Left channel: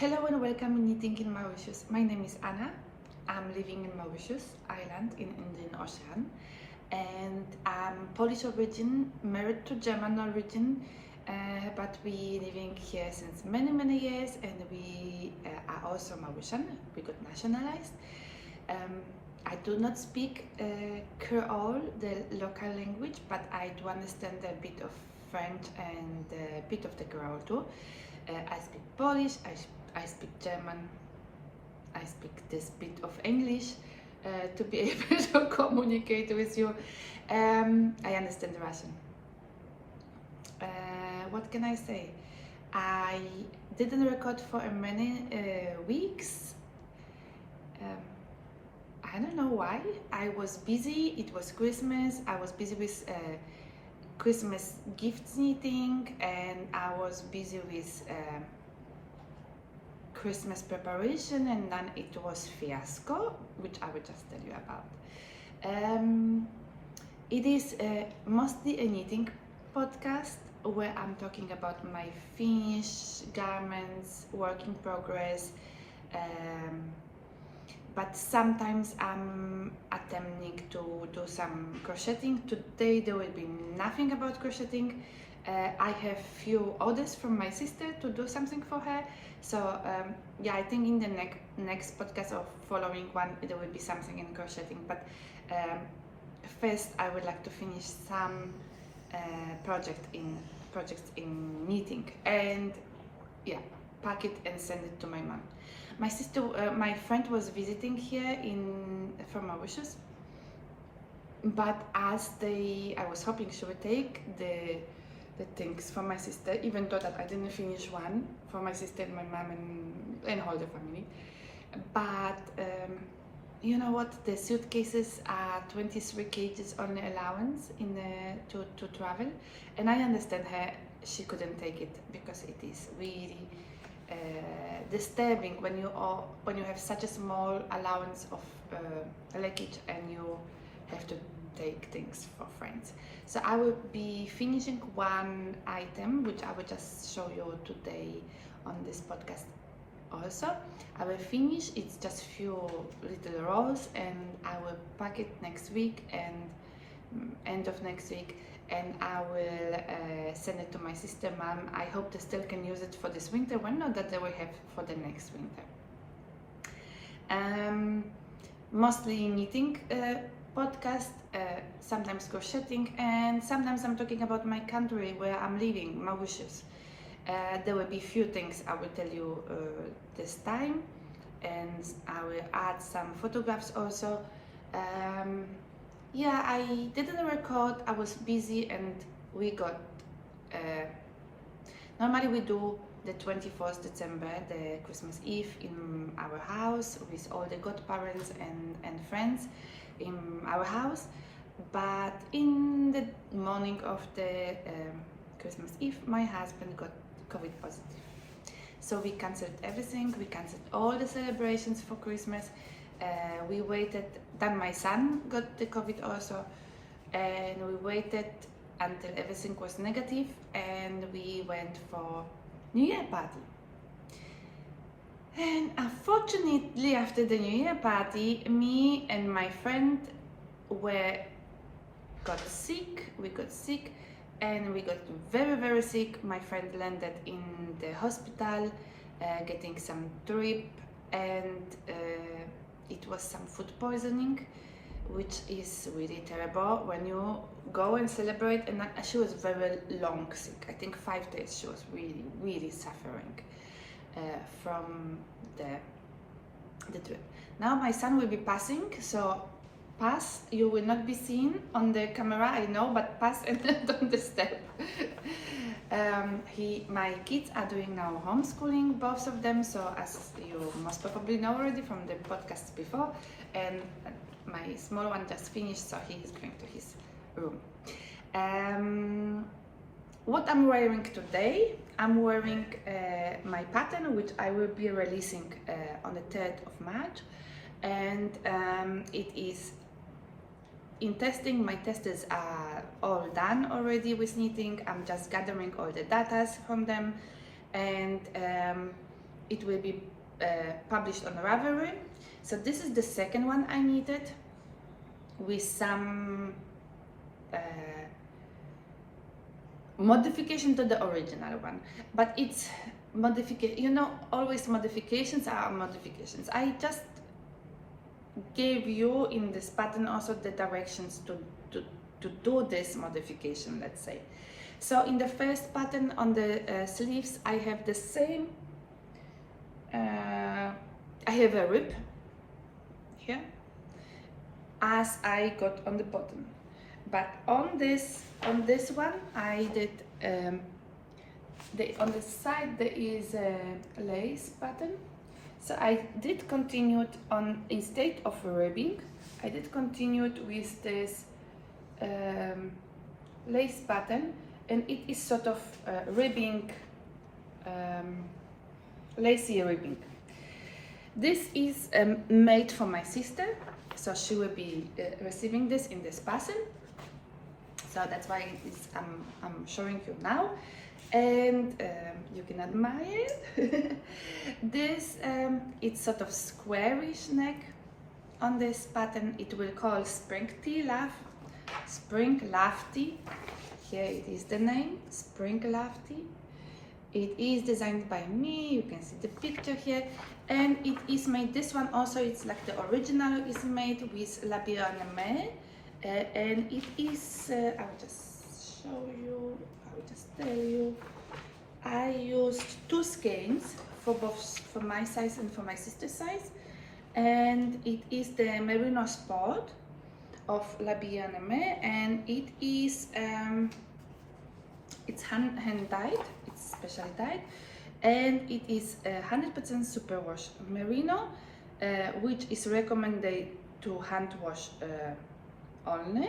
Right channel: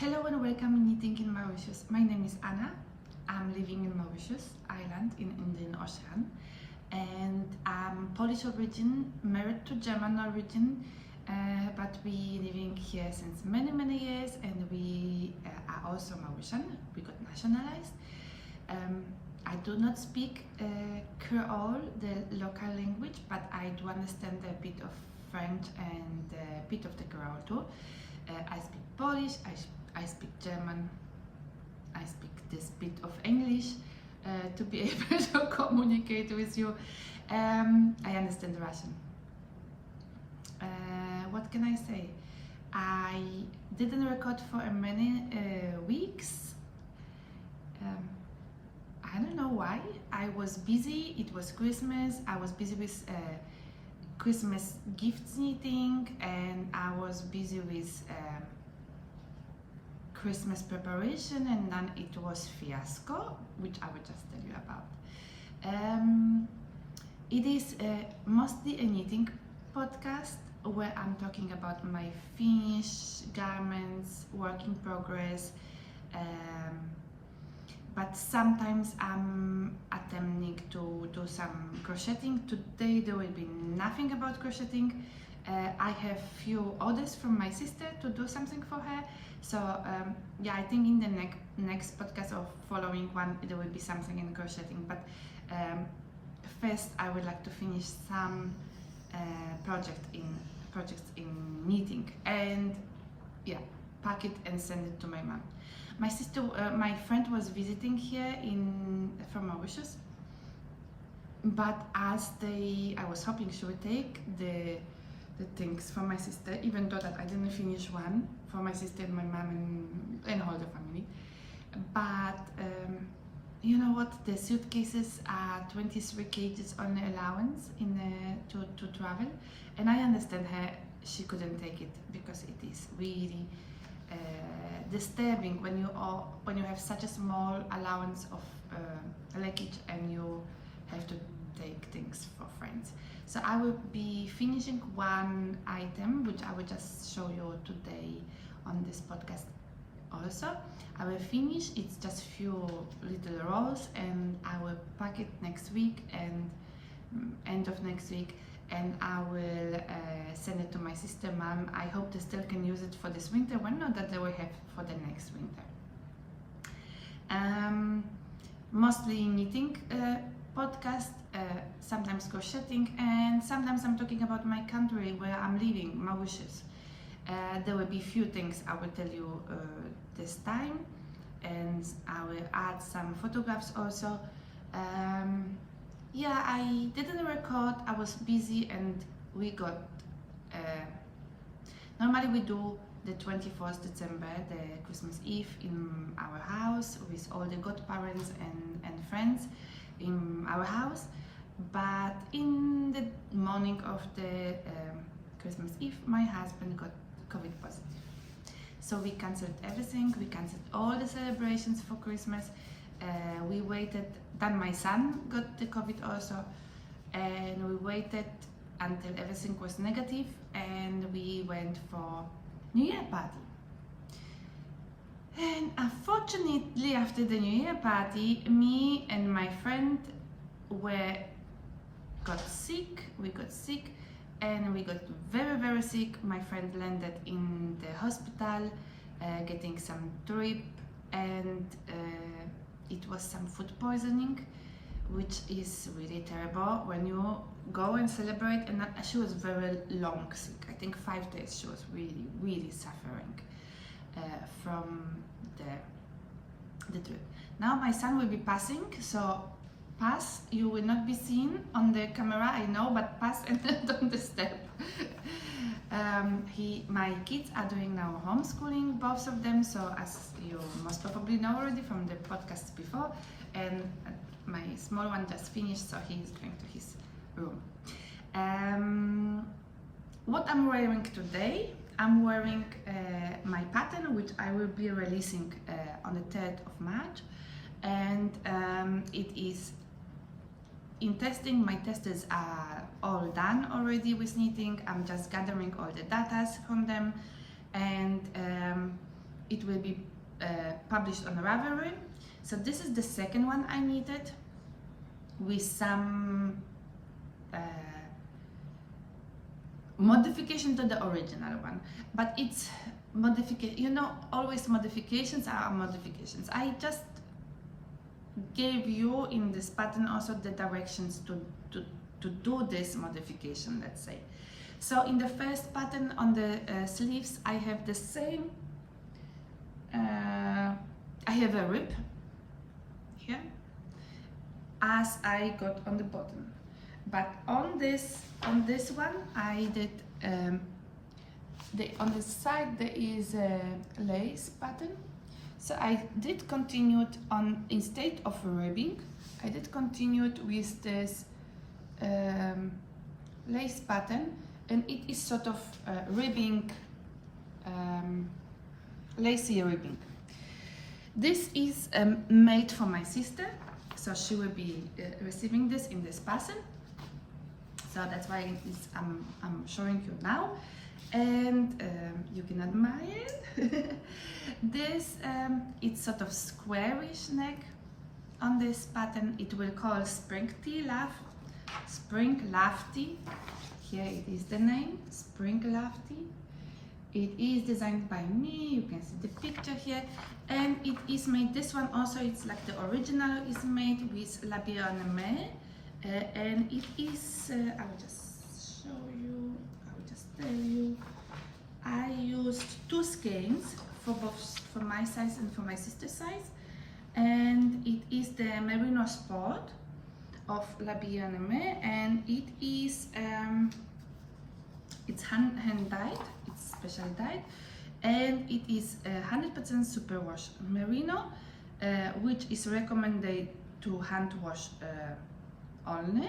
Hello and welcome in Knitting in Mauritius. My name is Anna. I'm living in Mauritius Island in Indian Ocean, and I'm Polish origin, married to German origin, but we living here since many years, and we are also Mauritian. We got nationalized. I do not speak Creole, the local language, but I do understand a bit of French and a bit of the Creole too. I speak Polish, I speak German, I speak this bit of English to be able to communicate with you. I understand Russian. What can I say? I didn't record for many weeks. I don't know why. I was busy, it was Christmas, I was busy with Christmas gifts knitting, and I was busy with Christmas preparation, and then it was fiasco, which I will just tell you about. It is mostly a knitting podcast where I'm talking about my finished garments, work in progress, but sometimes I'm attempting to do some crocheting. Today there will be nothing about crocheting. I have few orders from my sister to do something for her, so yeah, I think in the next podcast or following one there will be something in crocheting, but first I would like to finish some projects in knitting, and yeah, pack it and send it to my mom. My sister, my friend was visiting here from Mauritius, but as I was hoping she would take the things for my sister, even though that I didn't finish one for my sister and my mom and all the family. But you know what? The suitcases are 23 kgs only allowance to travel, and I understand her. She couldn't take it because it is really disturbing when you have such a small allowance of luggage and you have to take things for friends. So I will be finishing one item which I will just show you today on this podcast. Also, I will finish. It's just few little rolls, and I will pack it next week and end of next week, and I will send it to my sister, mom. I hope they still can use it for this winter one, not that they will have for the next winter. Mostly knitting podcast, sometimes crocheting, and sometimes I'm talking about my country where I'm living, Mauritius. There will be few things I will tell you this time, and I will add some photographs also. Yeah, I didn't record, I was busy, and we got normally we do the 24th December, the Christmas Eve, in our house with all the godparents and friends in our house, but in the morning of the Christmas Eve my husband got COVID positive, so we cancelled everything. We cancelled all the celebrations for Christmas. We waited, then my son got the COVID also, and we waited until everything was negative, and we went for New Year party. And unfortunately, after the New Year party, me and my friend got sick. We got sick, and we got very sick. My friend landed in the hospital, getting some drip, and it was some food poisoning, which is really terrible when you go and celebrate. And she was very long sick. I think 5 days she was really suffering from the drip. Now my son will be passing, so pass. You will not be seen on the camera, I know, but pass and don't disturb. My kids are doing now homeschooling, both of them, so as you most probably know already from the podcasts before, and my small one just finished, so he is going to his room. What I'm wearing today, I'm wearing my pattern, which I will be releasing on the 3rd of March, and it is in testing. My tests are all done already with knitting. I'm just gathering all the data from them, and it will be published on Ravelry. So this is the second one I needed, with some modification to the original one, but it's modification, you know, always modifications are modifications. I just gave you in this pattern also the directions to do this modification, let's say. So in the first pattern on the sleeves, I have the same, I have a rib here as I got on the bottom, but on this one I did on the side there is a lace pattern. So I did continue on, instead of ribbing, I did continue with this lace pattern, and it is sort of ribbing, lacy ribbing. This is made for my sister, so she will be receiving this in this pattern. So that's why I'm showing you now, and you can admire it. This it's sort of squarish neck on this pattern. It will call Spring Lafty. Here it is the name, Spring Lafty. It is designed by me. You can see the picture here, and it is made. This one also, it's like the original is made with AIMEE. And it is, I will just show you, I will just tell you, I used 2 skeins for both, for my size and for my sister's size, and it is the Merino Sport of AIMEE, and it is, it's hand dyed, it's specially dyed, and it is 100% superwash merino, which is recommended to hand wash only,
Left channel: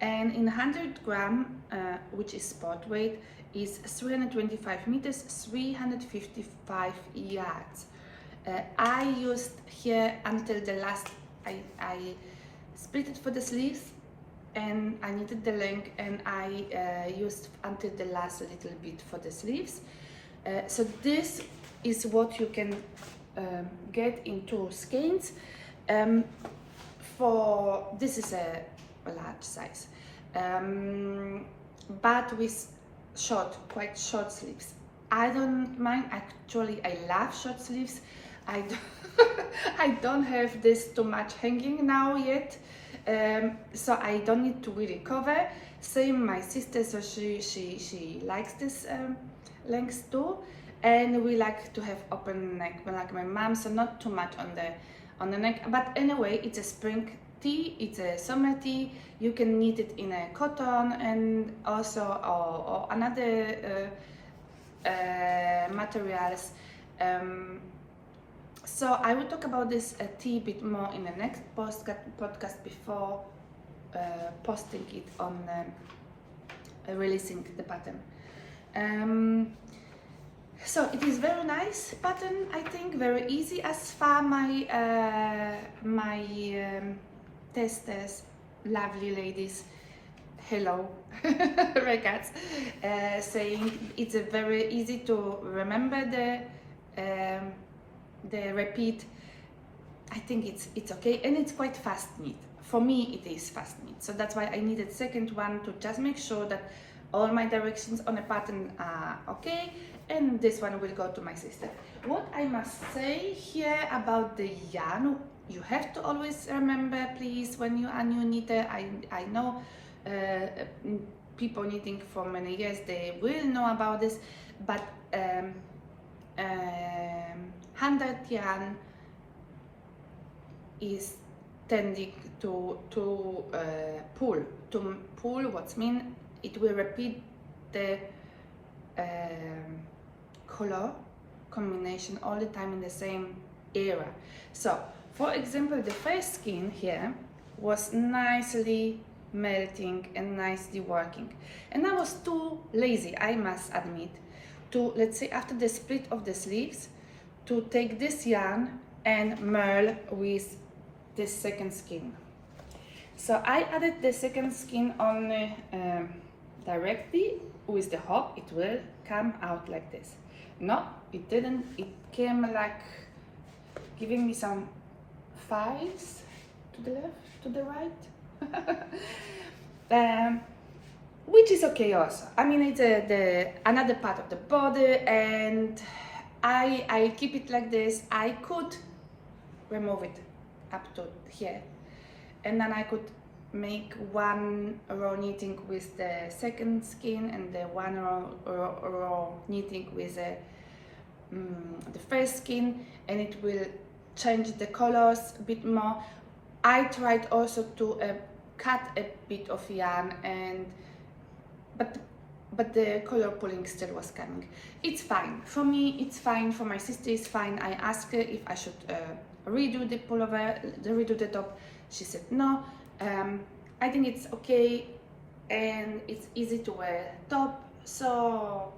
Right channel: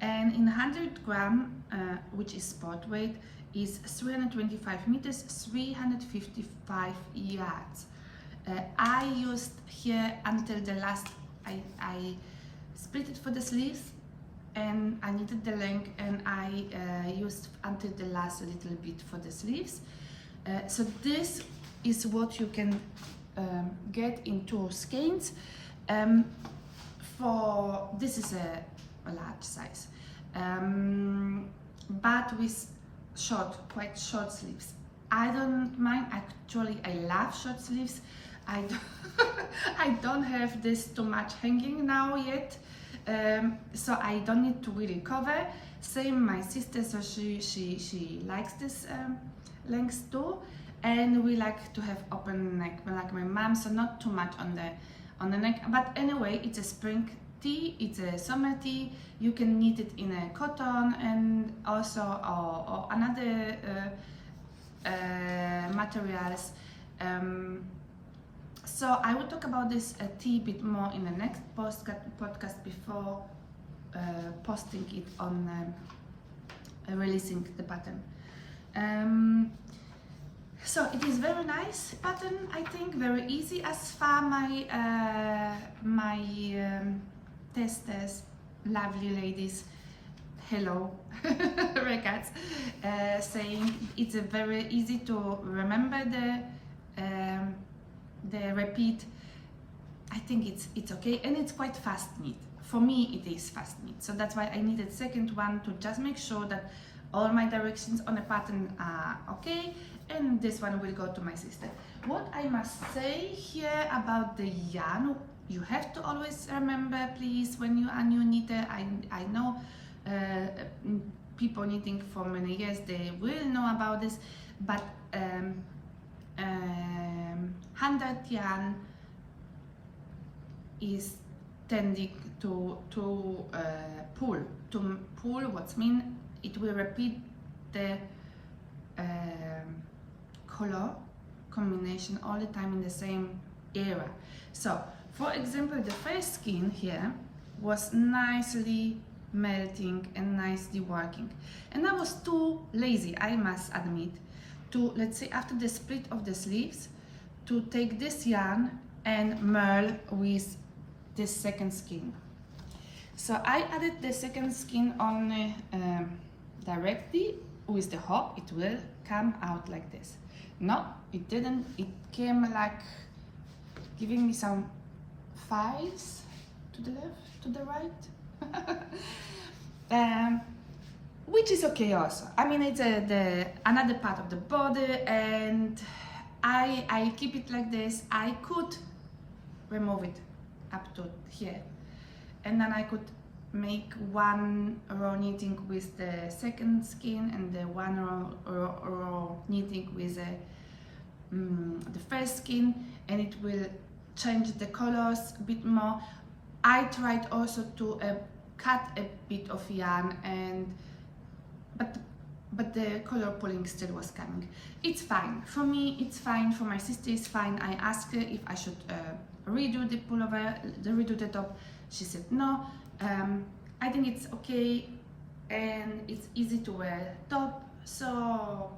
and in 100 gram, which is spot weight, is 325 meters, 355 yards. I used here until the last, I split it for the sleeves, and I needed the length, and I used until the last little bit for the sleeves. So this is what you can get in 2 skeins. For this is a large size, but with quite short sleeves. I don't mind, actually I love short sleeves. I don't have this too much hanging now yet, so I don't need to really cover. Same my sister, so she likes this length too, and we like to have open neck like my mom, so not too much on the neck. But anyway, it's a spring tee, it's a summer tee. You can knit it in a cotton, and also or another materials. So I will talk about this tee a bit more in the next podcast before posting it on releasing the pattern. So it is very nice pattern, I think, very easy as far my testers, lovely ladies, hello, regards, saying it's a very easy to remember the repeat. I think it's okay, and it's quite fast knit. For me, it is fast knit, so that's why I needed second one to just make sure that all my directions on a pattern are okay, and this one will go to my sister. What I must say here about the yarn, you have to always remember, please, when you are new knitter, I know people knitting for many years, they will know about this, but 100 yarn is tending to pull. What's mean? It will repeat the color combination all the time in the same area. So, for example, the first skein here was nicely melting and nicely working, and I was too lazy, I must admit, to, let's say, after the split of the sleeves, to take this yarn and merle with this second skein. So I added the second skein only directly with the hook. It will come out like this. No, it didn't. It came like giving me some 5s to the left, to the right. Which is okay also. I mean, it's another part of the body, and I keep it like this. I could remove it up to here, and then I could make one row knitting with the second skin and the one row knitting with the first skin, and it will change the colors a bit more. I tried also to cut a bit of yarn, and but the color pulling still was coming. It's fine for me, it's fine for my sister, it's fine. I asked her if I should redo the pullover, redo the top. She said no. I think it's okay, and it's easy to wear top. So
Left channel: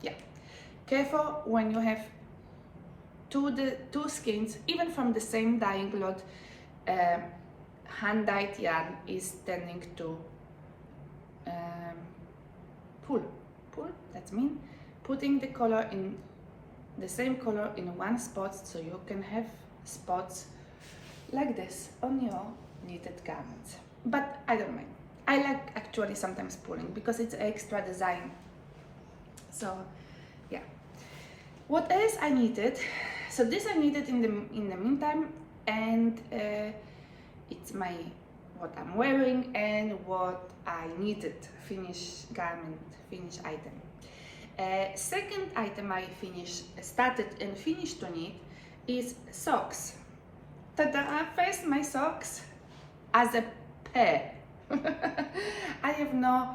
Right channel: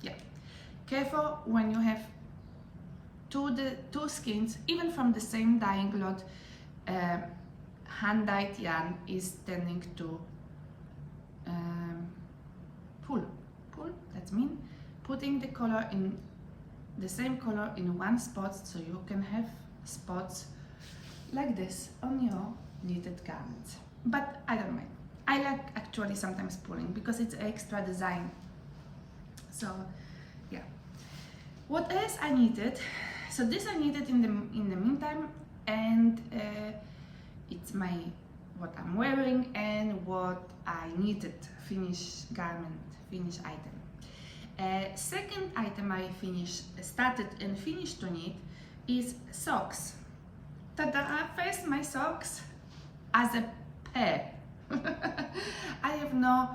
yeah, careful when you have two skins, even from the same dyeing lot. Hand-dyed yarn is tending to pull, that means putting the color in the same color in one spot, so you can have spots like this on your knitted garments. But I don't mind. I like actually sometimes pulling because it's extra design. So yeah. What else I knitted? So this I knitted in the meantime, and it's what I'm wearing and what I knitted, finished garment, finished item. Second item I started and finished to knit is socks. Ta-da! First my socks as a pair. I have no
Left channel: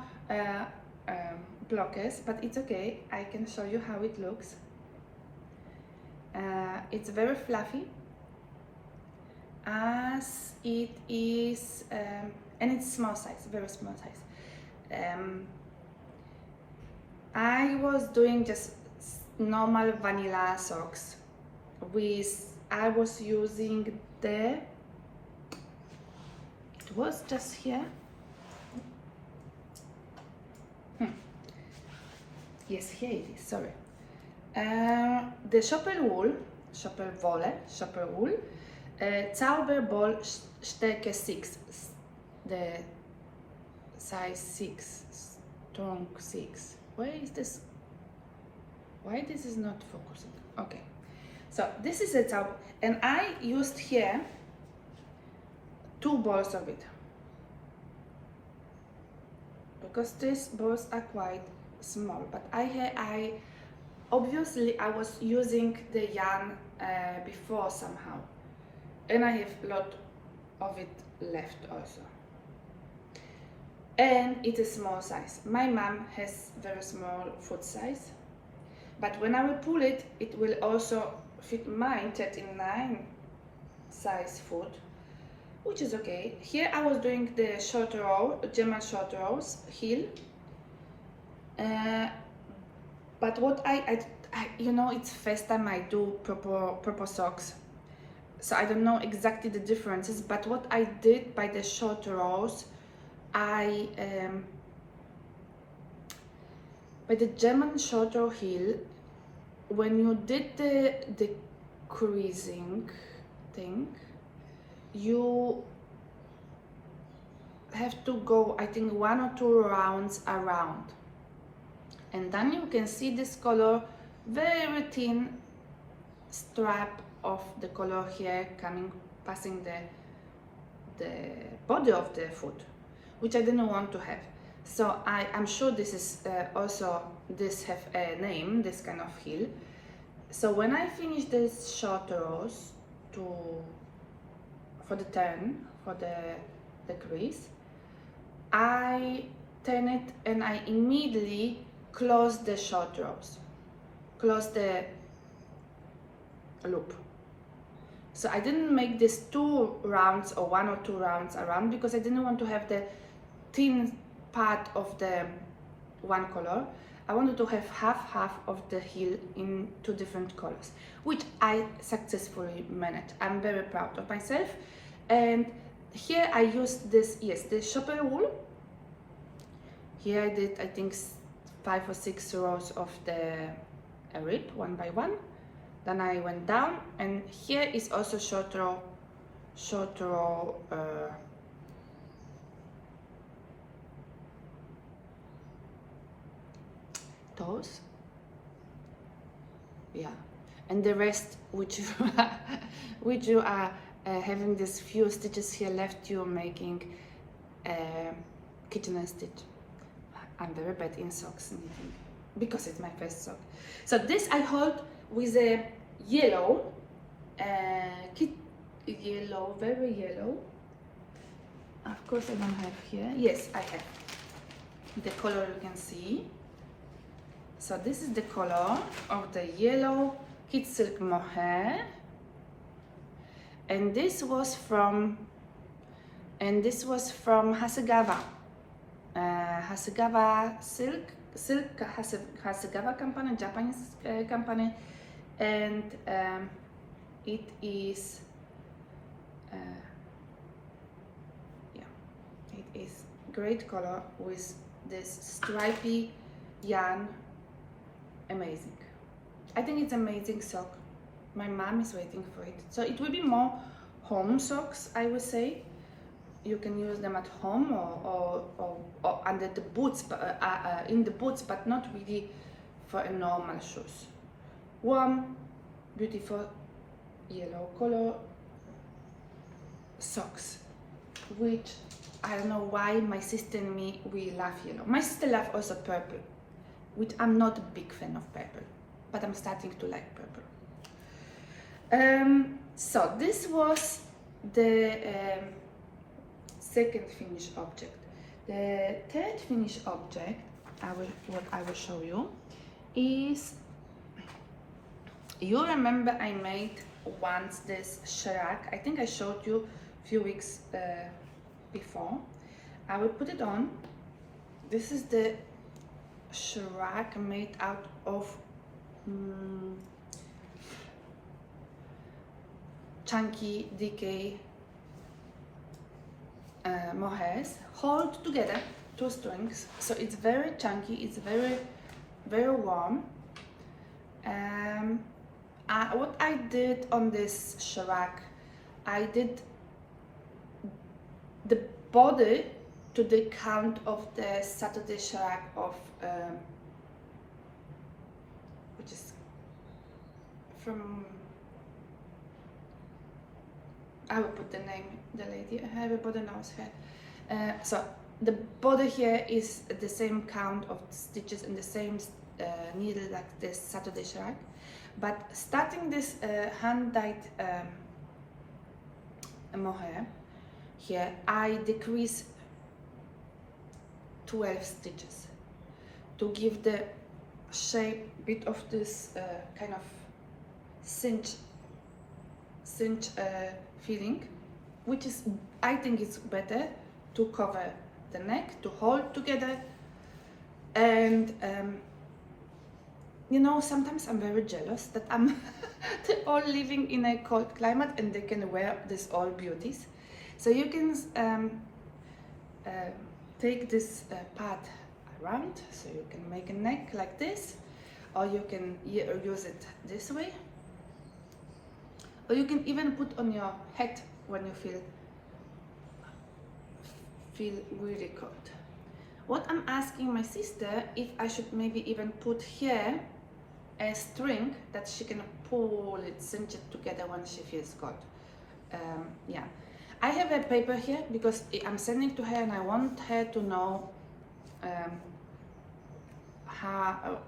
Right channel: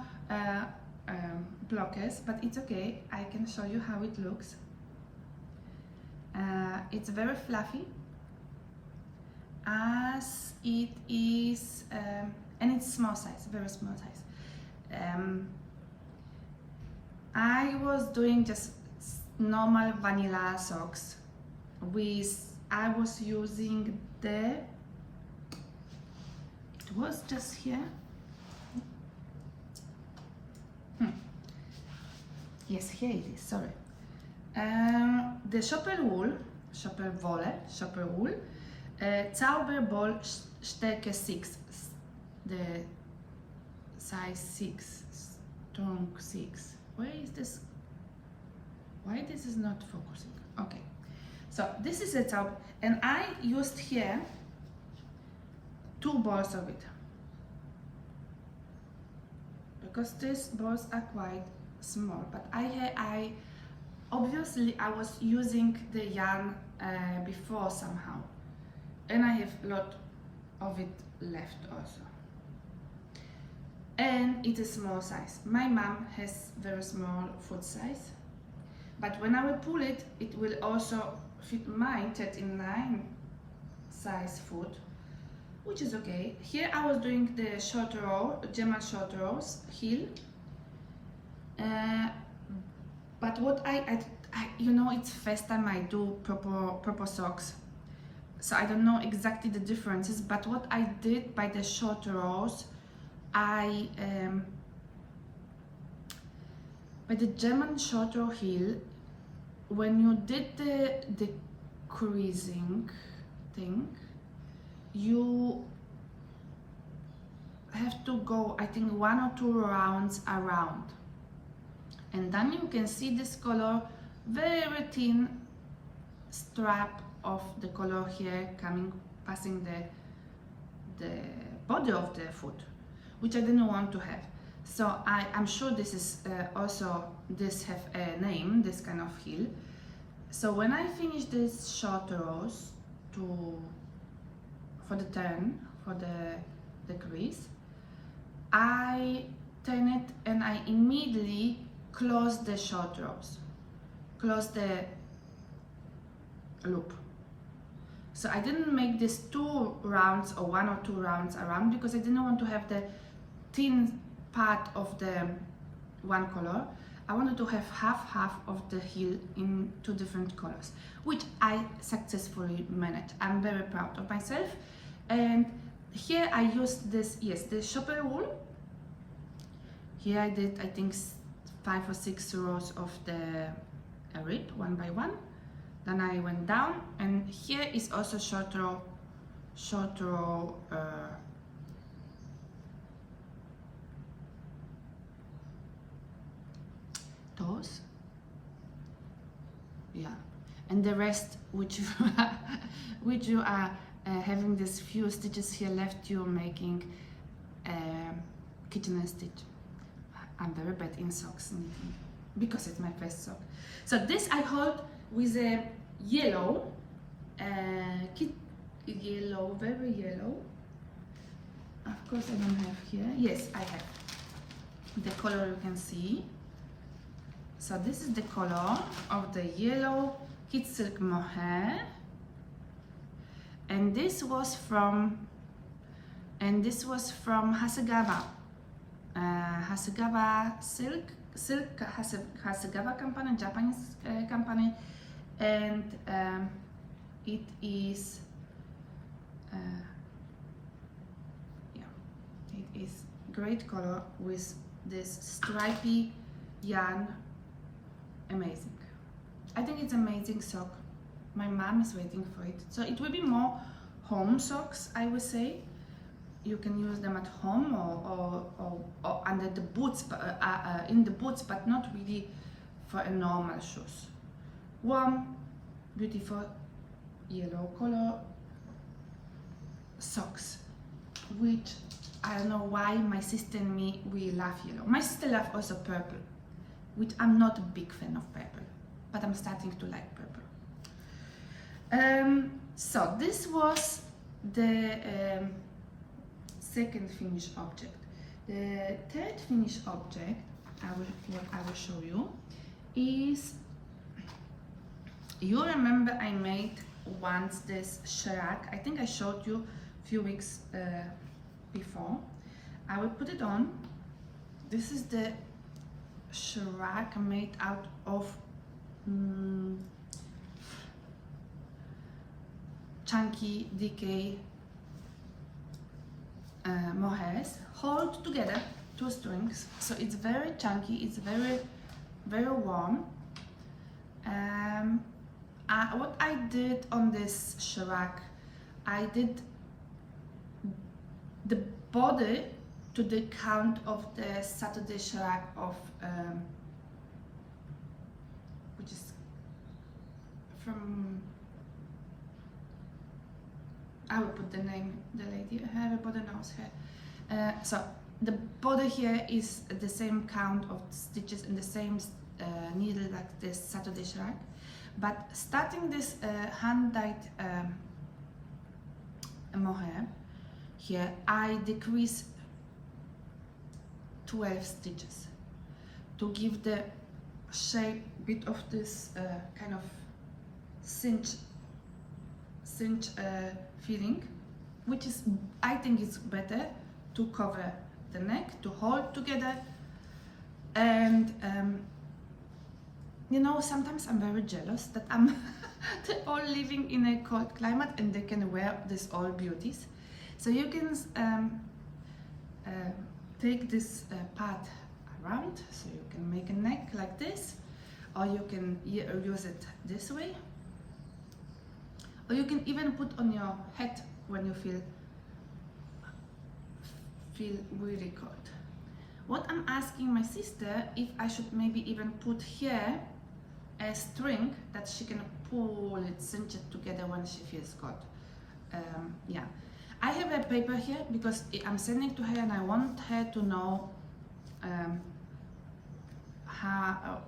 blockers, but it's okay. I can show you how it looks. It's very fluffy, as it is, and it's small size, very small size. I was doing just normal vanilla socks I was using it was just here. Yes, here it is, sorry. The Schnupperwolle, Zauberball STERKE 6, the size 6, strong 6. Where is this? Why this is not focusing? Okay, so this is a Zauber, and I used here 2 balls of it, because these balls are quite small, but I obviously I was using the yarn before somehow, and I have a lot of it left also, and it is small size. My mom has very small foot size, but when I will pull it, it will also fit my 39 size foot, which is okay. Here I was doing the short row, German short rows heel, but what I you know, it's first time I do proper socks, so I don't know exactly the differences, but what I did by the short rows, by the German short row heel, when you did the creasing thing, you have to go, I think, 1 or 2 rounds around, and then you can see this color, very thin strap of the color here coming, passing the body of the foot, which I didn't want to have. So I'm sure this is also, this have a name, this kind of heel. So when I finish these short rows for the turn, for the crease, I turn it and I immediately close the short rows, close the loop. So I didn't make this 2 rounds or 1 or 2 rounds around, because I didn't want to have the thin part of the one color. I wanted to have half of the heel in 2 different colors, which I successfully managed. I'm very proud of myself. And here I used this, yes, the Schnupperwolle. Here I did, I think, 5 or 6 rows of the a rib one by one. Then I went down, and here is also short row toes. Yeah, and the rest, which you are having these few stitches here left, you're making kitchen stitch. I'm very bad in socks knitting because it's my first sock. So this I hold with a yellow, yellow, very yellow. Of course I don't have here. Yes, I have the color you can see. So this is the color of the yellow kid silk mohair, and this was from HASGAWA. HASGAWA silk HASGAWA company, Japanese company, and it is it is great color with this stripy yarn. Amazing. I think it's amazing sock. My mom is waiting for it. So it will be more home socks, I would say. You can use them at home or under the boots, in the boots, but not really for a normal shoes. Warm, beautiful yellow color socks, which I don't know why my sister and me, we love yellow. My sister loves also purple, which I'm not a big fan of purple, but I'm starting to like purple. So this was the second finished object. The third finished object, what I will show you, is, you remember I made once this SHRUG. I think I showed you a few weeks before. I will put it on. This is the SHRUG made out of chunky DK mohairs, hold together, 2 strings. So it's very chunky, it's very warm. What I did on this SHRUG, I did the body to the count of the SATUDAY SHRUG of which is from, I will put the name, the lady, everybody knows her. So the body here is the same count of stitches and the same needle like this SATUDAY SHRUG, but starting this hand-dyed mohair here, I decrease 12 stitches to give the shape bit of this kind of cinch feeling, which is, I think it's better to cover the neck, to hold together. And you know, sometimes I'm very jealous that they're all living in a cold climate and they can wear these all beauties. So you can take this part around, so you can make a neck like this, or you can use it this way, or you can even put on your head when you feel really cold. What I'm asking my sister, if I should maybe even put here a string that she can pull it, cinch it together when she feels cold. Yeah, I have a paper here because I'm sending to her and I want her to know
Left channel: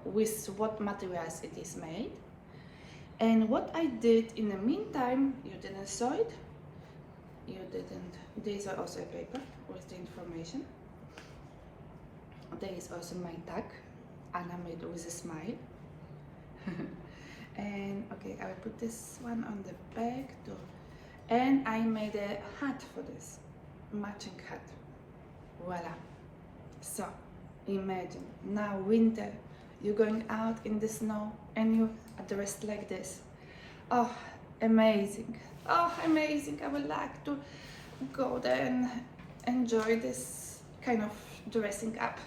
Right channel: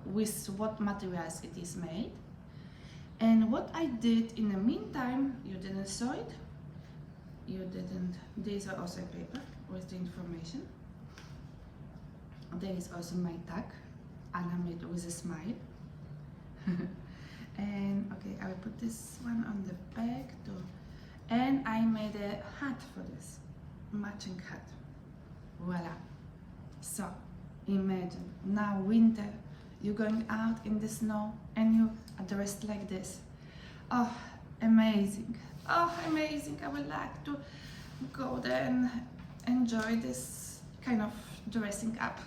with what materials it is made. And what I did in the meantime, you didn't saw it, you didn't, these are also a paper with the information. There is also my tag, Anna made with a smile. And okay, I will put this one on the back too. And I made a hat for this, matching hat. Voila. So imagine now winter, you're going out in the snow and you are dressed like this. Oh, amazing. Oh, amazing. I would like to go there and enjoy this kind of dressing up.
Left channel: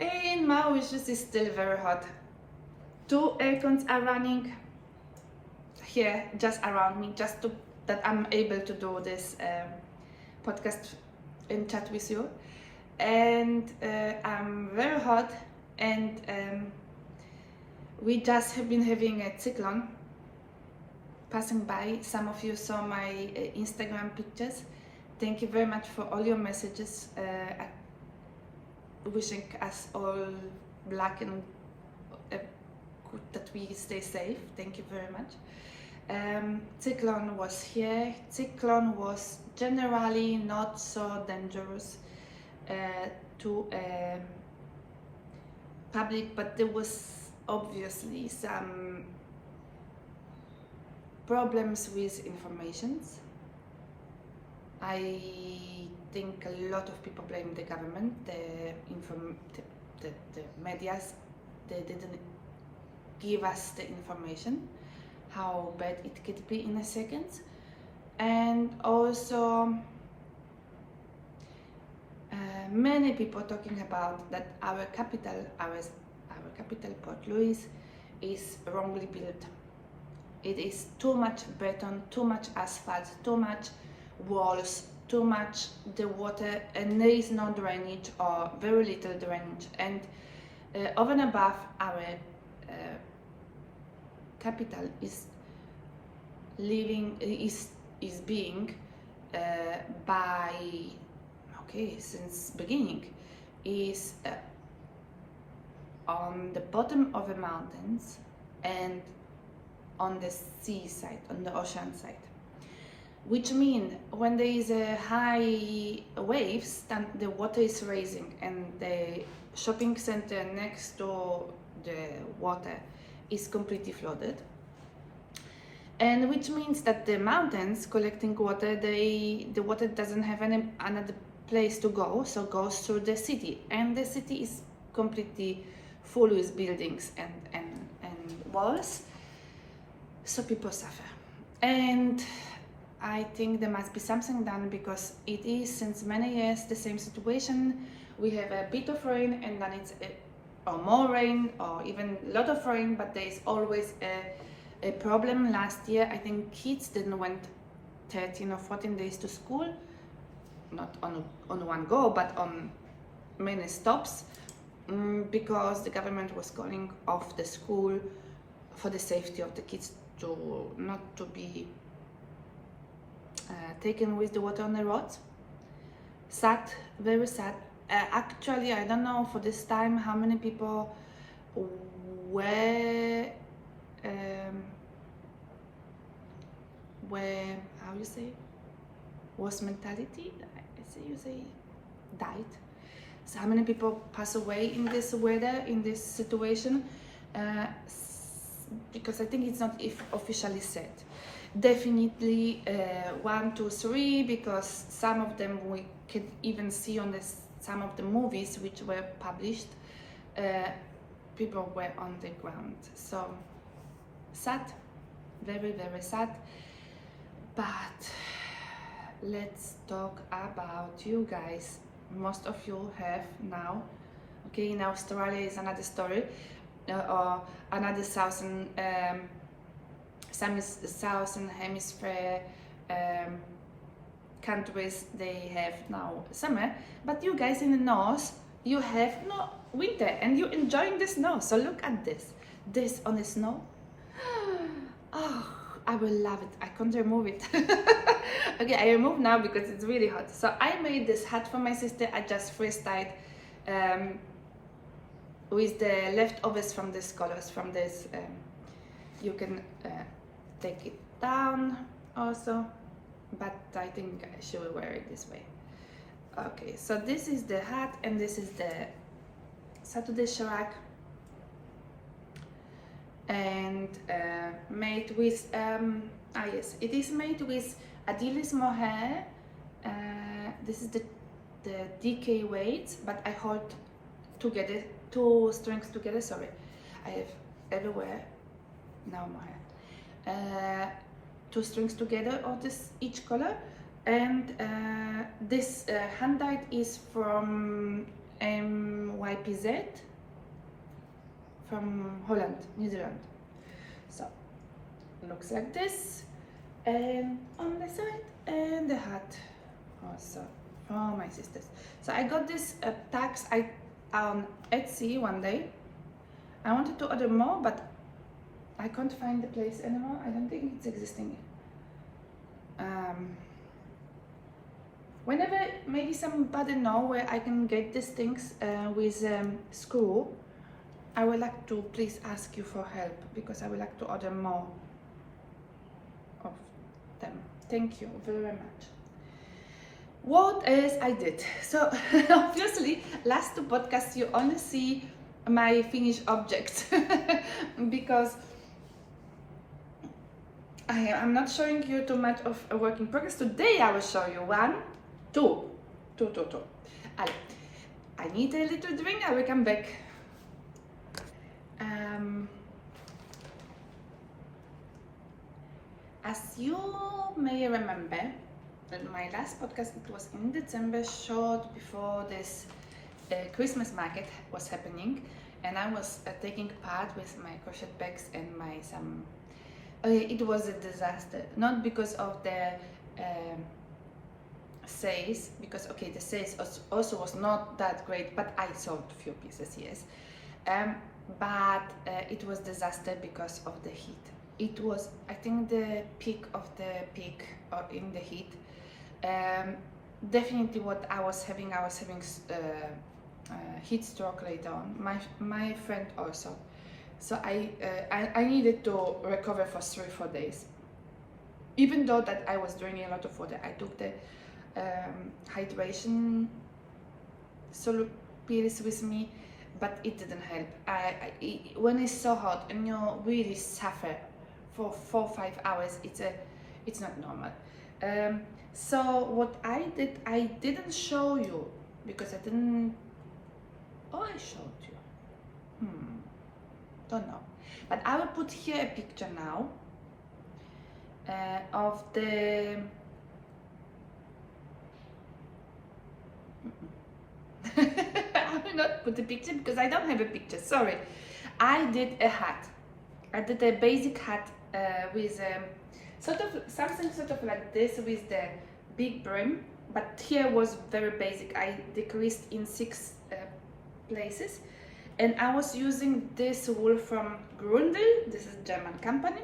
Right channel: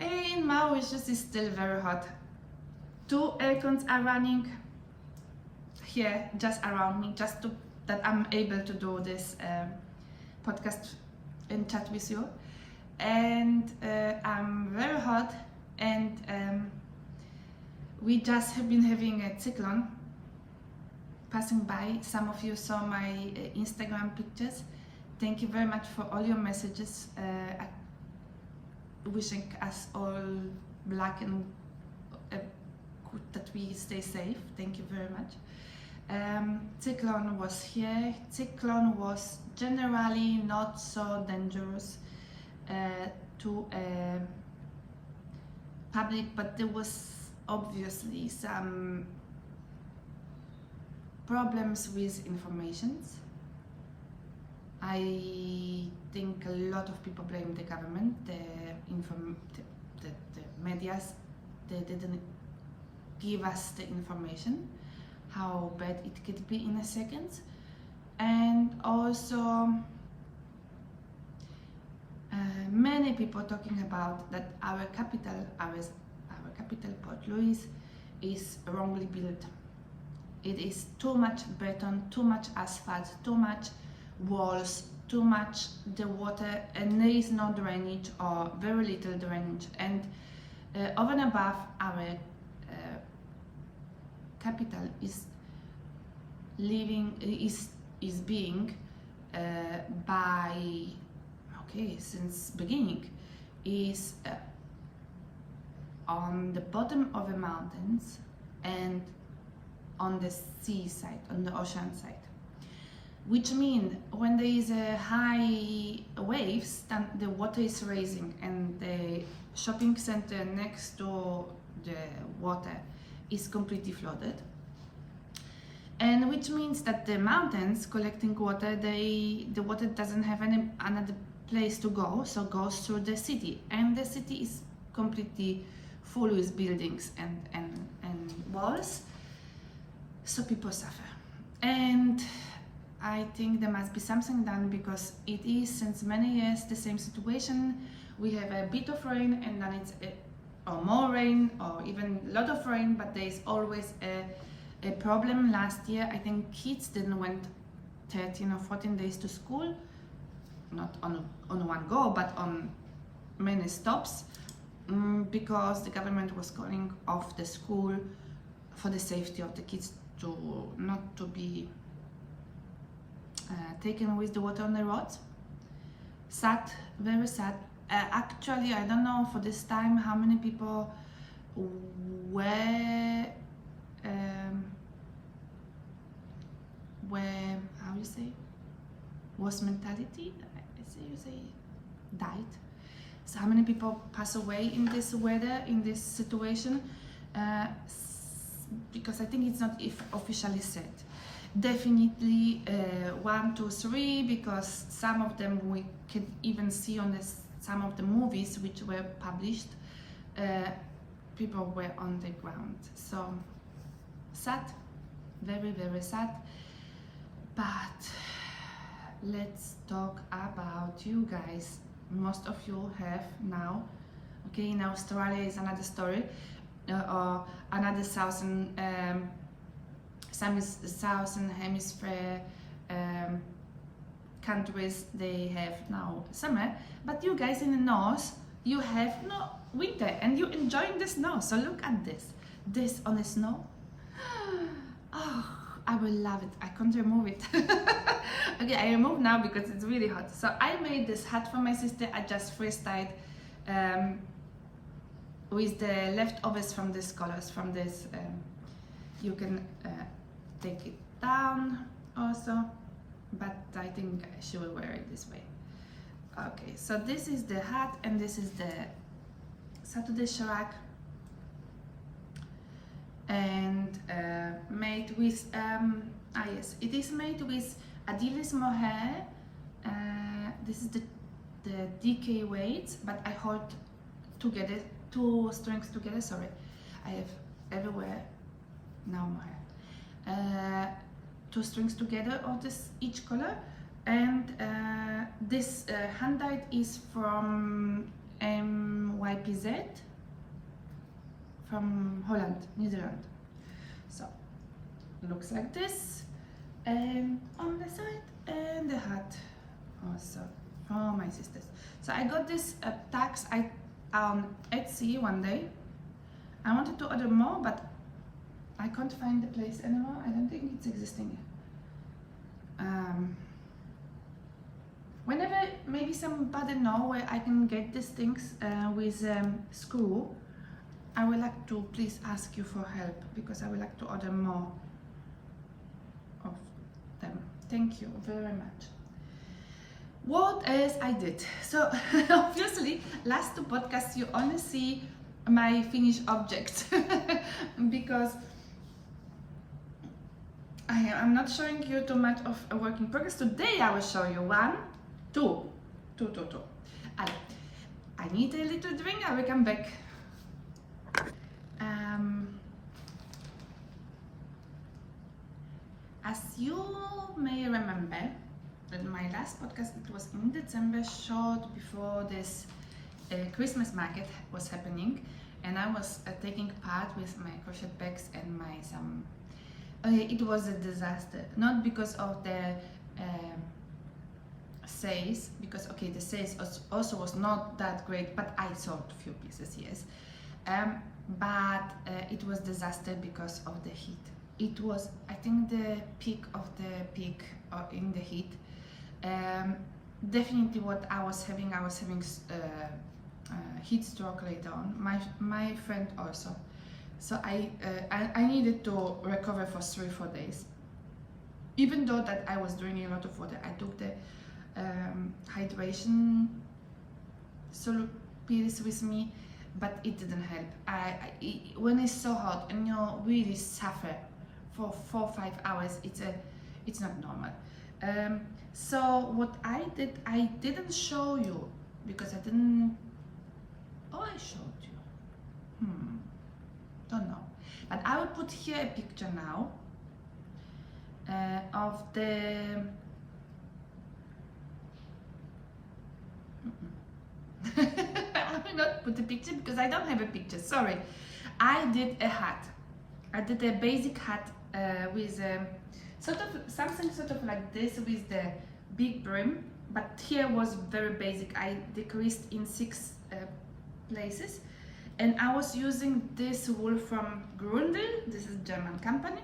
In Mauritius is still very hot. 2 aircons are running here just around me, just to that I'm able to do this podcast and chat with you. And I'm very hot, and we just have been having a cyclone passing by. Some of you saw my Instagram pictures. Thank you very much for all your messages, wishing us all luck and that we stay safe. Thank you very much. Cyclone was here. Cyclone was generally not so dangerous to public, but there was obviously some problems with informations. I think a lot of people blame the government, the medias. They didn't give us the information how bad it could be in a second. And also many people talking about that our capital Port Louis is wrongly built. It is too much beton, too much asphalt, too much walls, too much the water, and there is no drainage or very little drainage. And over and above, our capital is being by since beginning is on the bottom of the mountains and on the sea side, on the ocean side, which means when there is a high waves, then the water is rising, and the shopping center next to the water is completely flooded. And which means that the mountains collecting water, the water doesn't have another place to go, so goes through the city, and the city is completely full with buildings and walls, so people suffer. And I think there must be something done, because it is since many years the same situation. We have a bit of rain, and then it's or more rain, or even a lot of rain, but there is always a problem. Last year I think kids didn't went 13 or 14 days to school, not on one go, but on many stops, because the government was calling off the school for the safety of the kids, to not to be taken with the water on the roads. Sad, very sad. Actually, I don't know for this time how many people were how you say, was mentality, you say died. So how many people pass away in this weather, in this situation, because I think it's not officially said. Definitely 1, 2, 3, because some of them we can even see on some of the movies which were published, people were on the ground. So sad, very, very sad. But let's talk about you guys. Most of you have now, okay, in Australia is another story, or another southern hemisphere countries, they have now summer, but you guys in the north, you have no winter, and you're enjoying the snow. So look at this on the snow. Oh, I will love it. I can't remove it. Okay, I remove now because it's really hot. So I made this hat for my sister. I just freestyled with the leftovers from this colors, from this. You can take it down also, but I think she will wear it this way. Okay, so this is the hat, and this is the SATUDAY SHRUG, and made with yes, it is made with Adilis mohair. This is the DK weights, but I hold together 2 strings together. Sorry, I have everywhere now mohair. 2 strings together of this each color, and this hand dyed is from MYPZ, from Holland, New Zealand. So looks like this, and on the side, and the hat also for my sisters. So I got this tags on Etsy one day. I wanted to order more, but I can't find the place anymore. I don't think it's existing. Whenever maybe somebody know where I can get these things with screw, I would like to please ask you for help, because I would like to order more of them. Thank you very much. What else I did? So obviously last two podcasts you only see my finished objects because I'm not showing you too much of a work in progress. Today I will show you two. Allez, I need a little drink, I will come back. As you may remember, in my last podcast, it was in December, short before this Christmas market was happening, and I was taking part with my crochet bags and my some. It was a disaster, not because of the sales, because okay, the sales also was not that great, but I sold a few pieces, yes. But it was disaster because of the heat. It was, I think, the peak of the peak in the heat. Definitely what I was having heat stroke later on. My friend also. So I needed to recover for 3-4 days. Even though that I was drinking a lot of water, I took the hydration solo pills with me, but it didn't help. When it's so hot and you really suffer for 4-5 hours, it's not normal. So what I did, I didn't show you because I didn't. Oh, I showed you. Don't know, but I will put here a picture now of the. I will not put a picture because I don't have a picture. Sorry, I did a hat. I did a basic hat with something sort of like this with the big brim, but here was very basic. I decreased in 6 places, and I was using this wool from Gründe. This is a German company.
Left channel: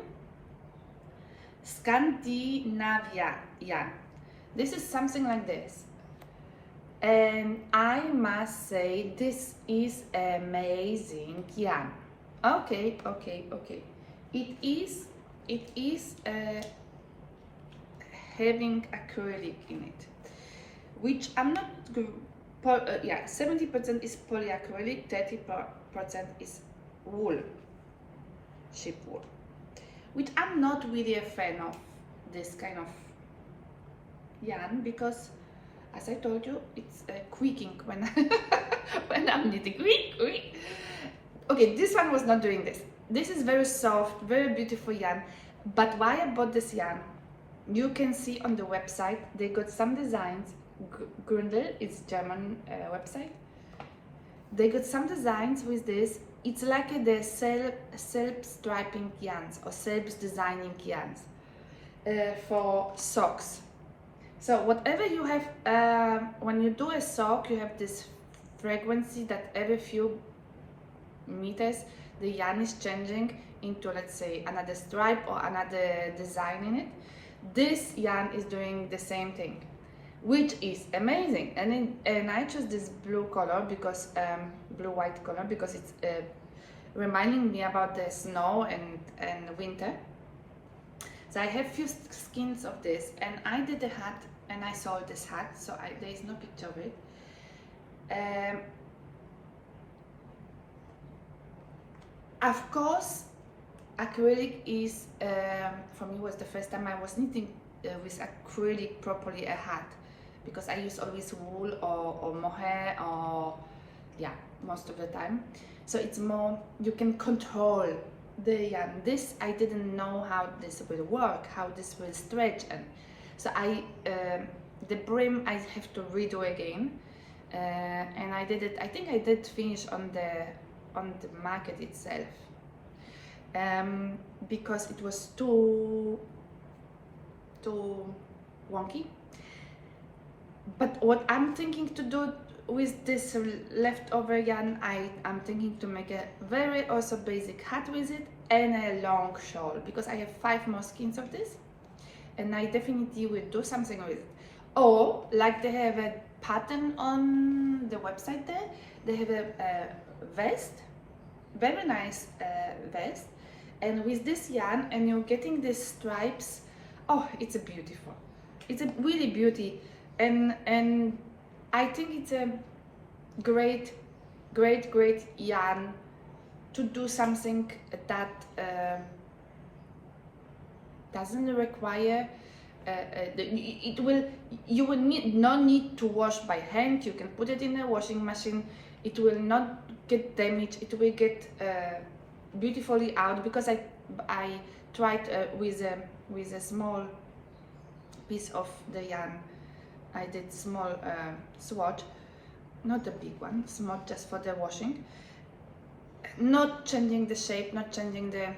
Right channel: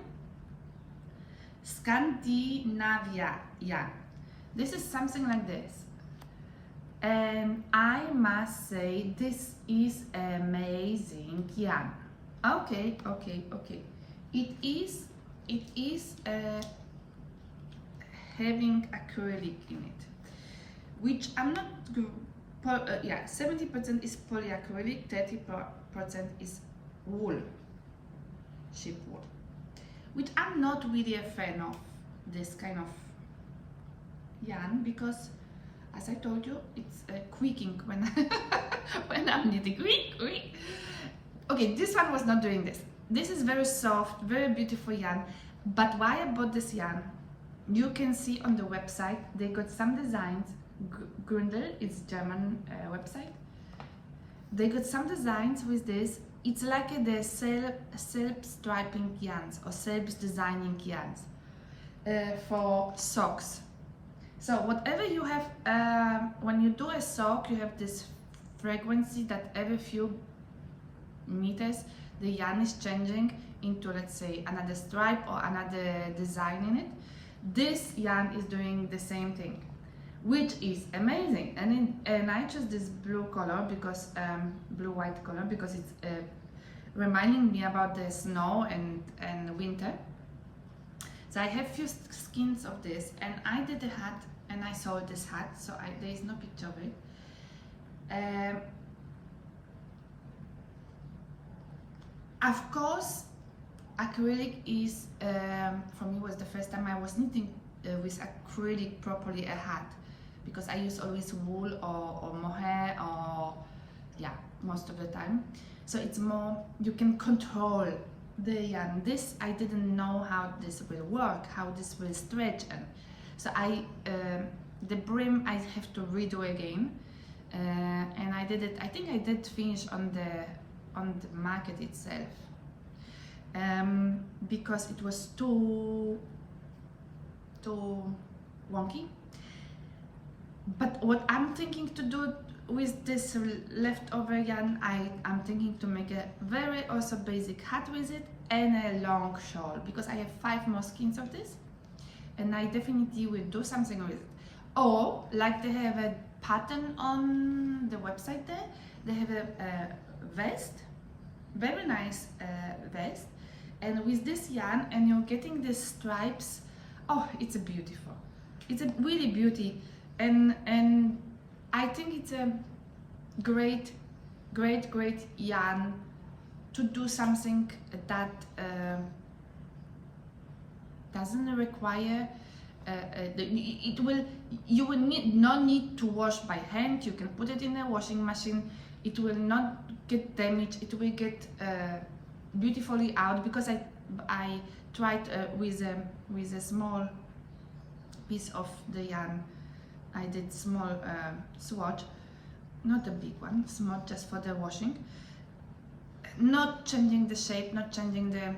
Scandinavia yarn. This is something like this, and I must say this is amazing yarn. Okay. It is having acrylic in it, which I'm not. 70% is polyacrylic, 30% is wool, sheep wool, which I'm not really a fan of this kind of yarn because, as I told you, it's creaking when when I'm knitting. Okay, this one was not doing this. This is very soft, very beautiful yarn. But why I bought this yarn, you can see on the website, they got some designs. Gründe is German website. They got some designs with this. It's like the self-striping yarns or self-designing yarns for socks. So whatever you have, when you do a sock, you have this frequency that every few meters the yarn is changing into, let's say, another stripe or another design in it. This yarn is doing the same thing, which is amazing. And I chose this blue color because blue-white color because it's reminding me about the snow and winter. So I have few skins of this, and I did a hat and I sold this hat, so there is no picture of it. Of course, acrylic is, for me, was the first time I was knitting with acrylic properly a hat, because I use always wool or mohair, or yeah, most of the time. So it's more, you can control the yarn. This, I didn't know how this will work, how this will stretch, and so the brim I have to redo again, and I did it. I think I did finish on on the market itself, because it was too wonky. But what I'm thinking to do with this leftover yarn, I'm thinking to make a very also basic hat with it and a long shawl, because I have 5 more skeins of this and I definitely will do something with it. Or like they have a pattern on the website there, they have a vest, very nice vest, and with this yarn, and you're getting these stripes. Oh, it's a beautiful, it's a really beauty, and I think it's a great yarn to do something that doesn't require you will not need to wash by hand. You can put it in a washing machine, it will not get damaged, it will get beautifully out, because I tried with a small piece of the yarn. I did small swatch, not a big one, small, just for the washing, not changing the shape, not changing the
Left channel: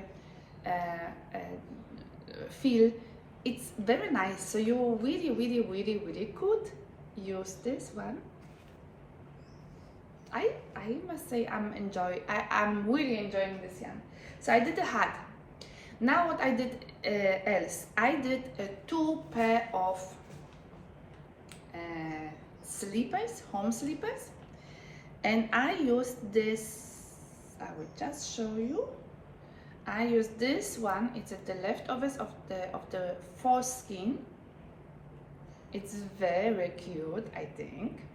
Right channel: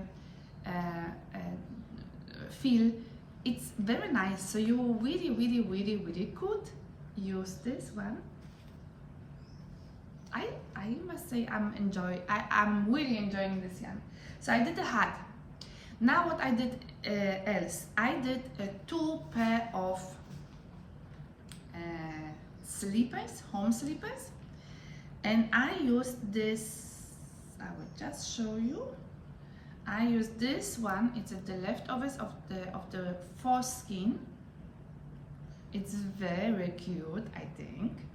feel. It's very nice, so you really could use this one. I must say I'm really enjoying this yarn. So I did a hat. Now what I did else, I did 2 pair of slippers, home slippers, and I used this. I will just show you. I used this one. It's the leftovers of the 4th skein. It's very cute, I think.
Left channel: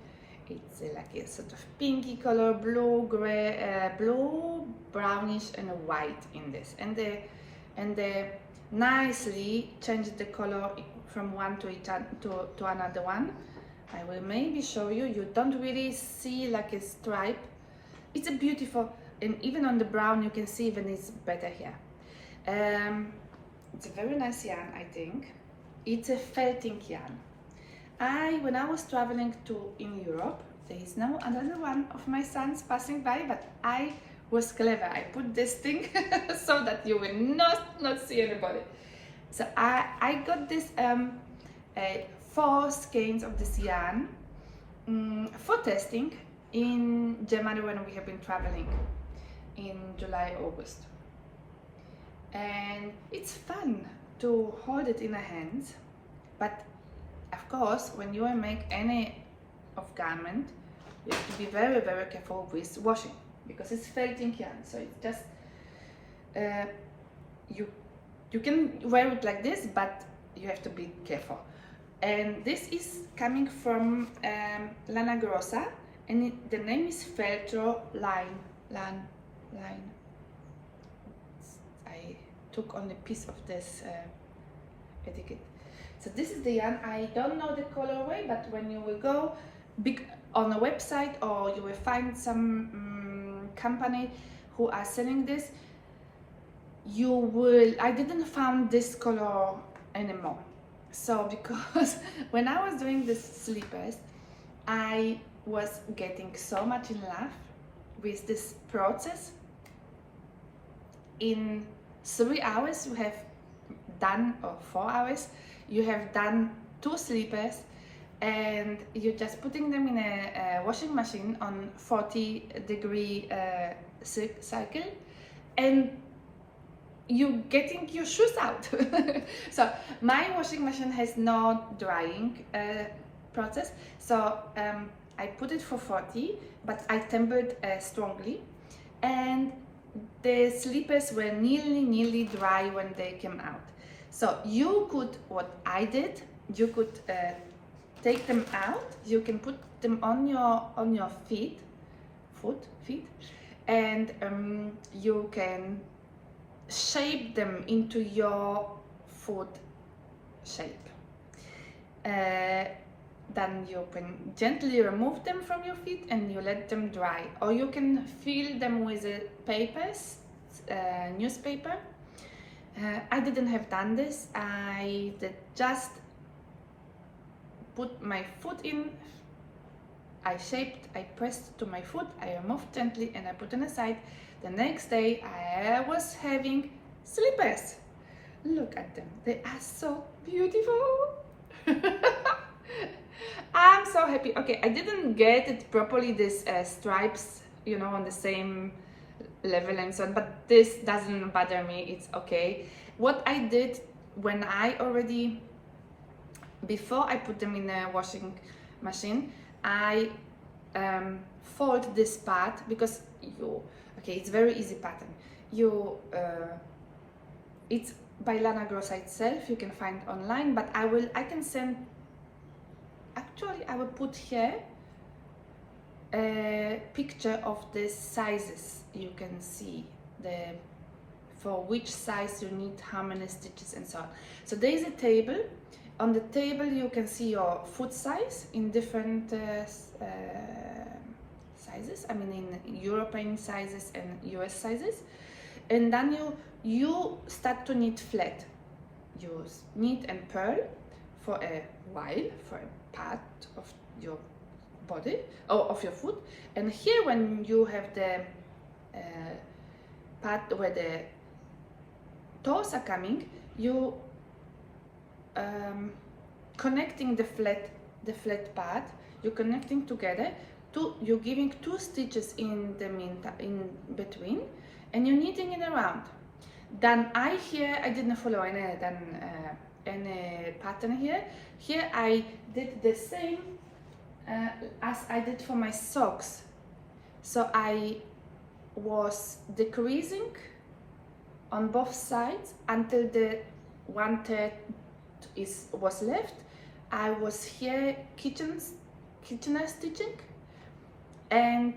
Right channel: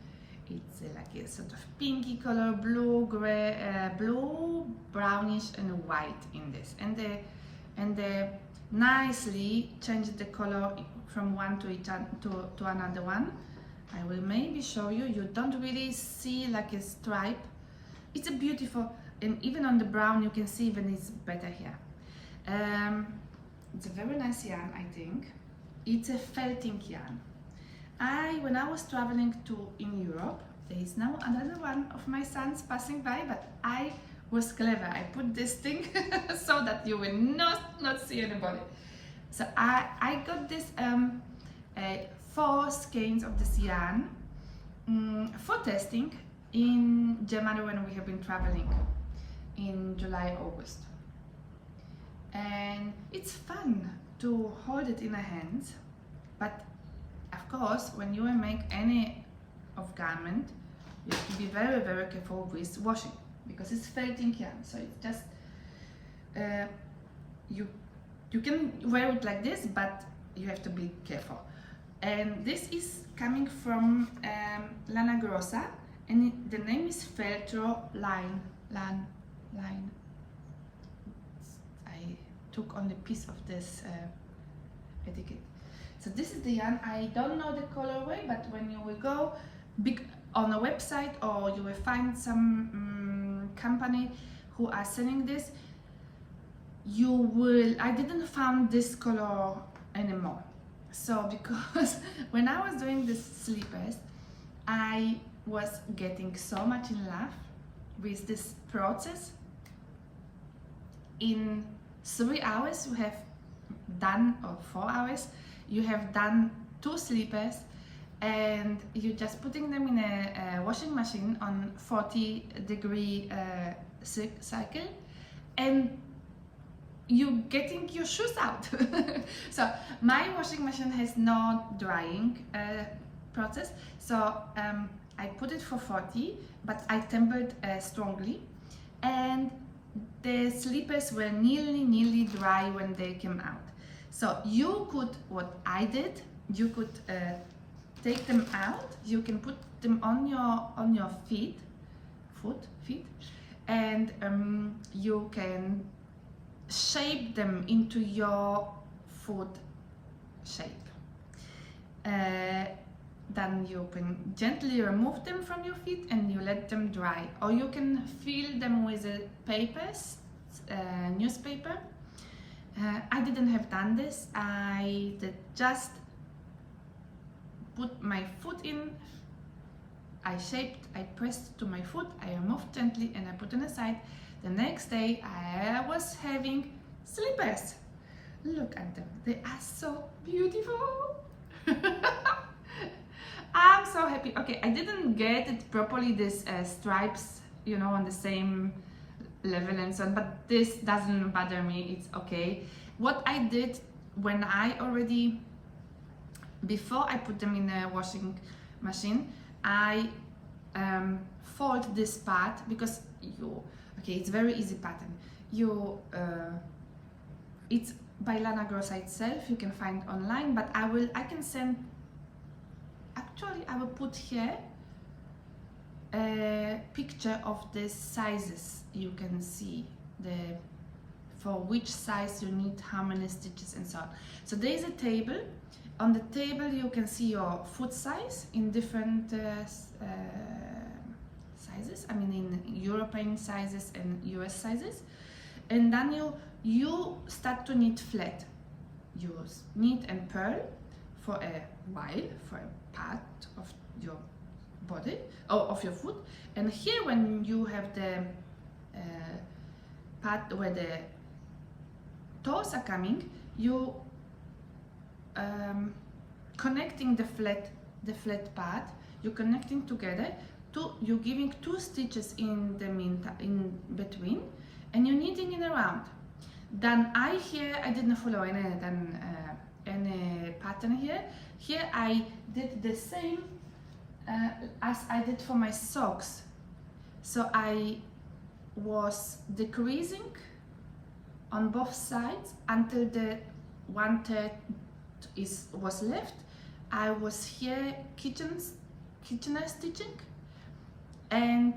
It's like a sort of pinky color, blue, gray, blue, brownish, and white in this, and they nicely changed the color from one to another one. I will maybe show you. You don't really see like a stripe. It's a beautiful, and even on the brown you can see even it's better here. It's a very nice yarn, I think. It's a felting yarn. When I was traveling in Europe, there is now another one of my sons passing by, but I was clever. I put this thing so that you will not see anybody. So I got this 4 skeins of this yarn for testing in Germany when we have been traveling in July, August. And it's fun to hold it in the hands, but of course when you make any of garment, you have to be very careful with washing, because it's felting yarn, so it's just you can wear it like this, but you have to be careful. And this is coming from Lana Grossa, and the name is Feltro Line. I took on a piece of this etiquette. So this is the yarn. I don't know the colorway, but when you will go on a website, or you will find some company who are selling this, you will. I didn't find this color anymore. So because when I was doing the slippers, I was getting so much in love with this process. In 3 hours you have done, or 4 hours, you have done 2 slippers, and you're just putting them in a washing machine on 40-degree cycle, and you getting your shoes out. So my washing machine has no drying process, so I put it for 40, but I tempered strongly, and the slippers were nearly dry when they came out. So you could, what I did, you could take them out, you can put them on your feet, and you can shape them into your foot shape. Then you can gently remove them from your feet and you let them dry, or you can fill them with newspaper. I didn't have done this. I did just put my foot in. I shaped, I pressed to my foot, I removed gently and I put on the side. The next day I was having slippers. Look at them, they are so beautiful. I'm so happy. Okay, I didn't get it properly, these stripes, you know, on the same level and so on, but this doesn't bother me, it's okay. What I did when I already, before I put them in the washing machine, I fold this part, because okay, it's very easy pattern. It's by Lana Grossa itself, you can find online, but I can send, actually I will put here a picture of the sizes. You can see for which size you need how many stitches and so on. So there is a table. On the table you can see your foot size in different sizes, I mean in European sizes and US sizes, and then you start to knit flat. You knit and purl for a while, for a part of your body or of your foot, and here when you have the part where the toes are coming, you connecting the flat part, you're connecting together, you're giving 2 stitches in between, and you're knitting it around. Then I didn't follow any pattern here. Here I did the same as I did for my socks. So I was decreasing on both sides until the 1/3 was left. I was here Kitchener stitching, and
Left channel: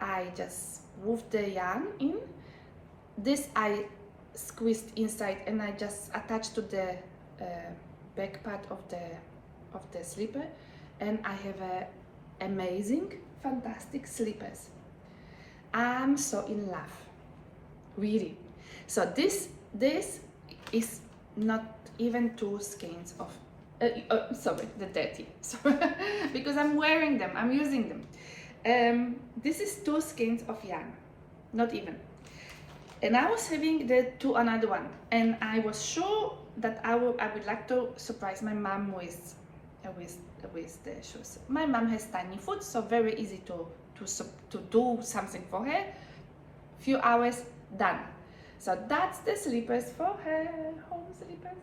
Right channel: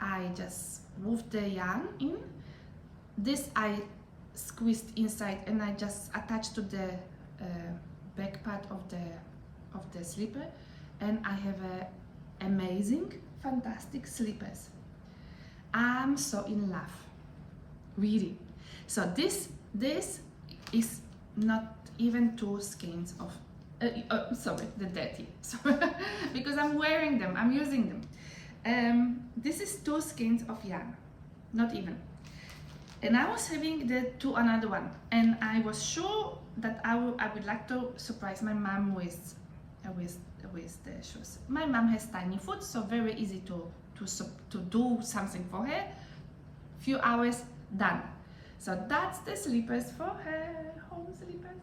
I just moved the yarn in. This I squeezed inside and I just attached to the back part of the slipper, and I have amazing, fantastic slippers. I'm so in love, really. So this is not even 2 skeins of sorry, the dirty, sorry, because I'm wearing them, I'm using them. This is 2 skeins of yarn, not even. And I was having another one, and I was sure that I would like to surprise my mom with the shoes. My mom has tiny foot, so very easy to do something for her. Few hours, done. So that's the slippers for her, home slippers.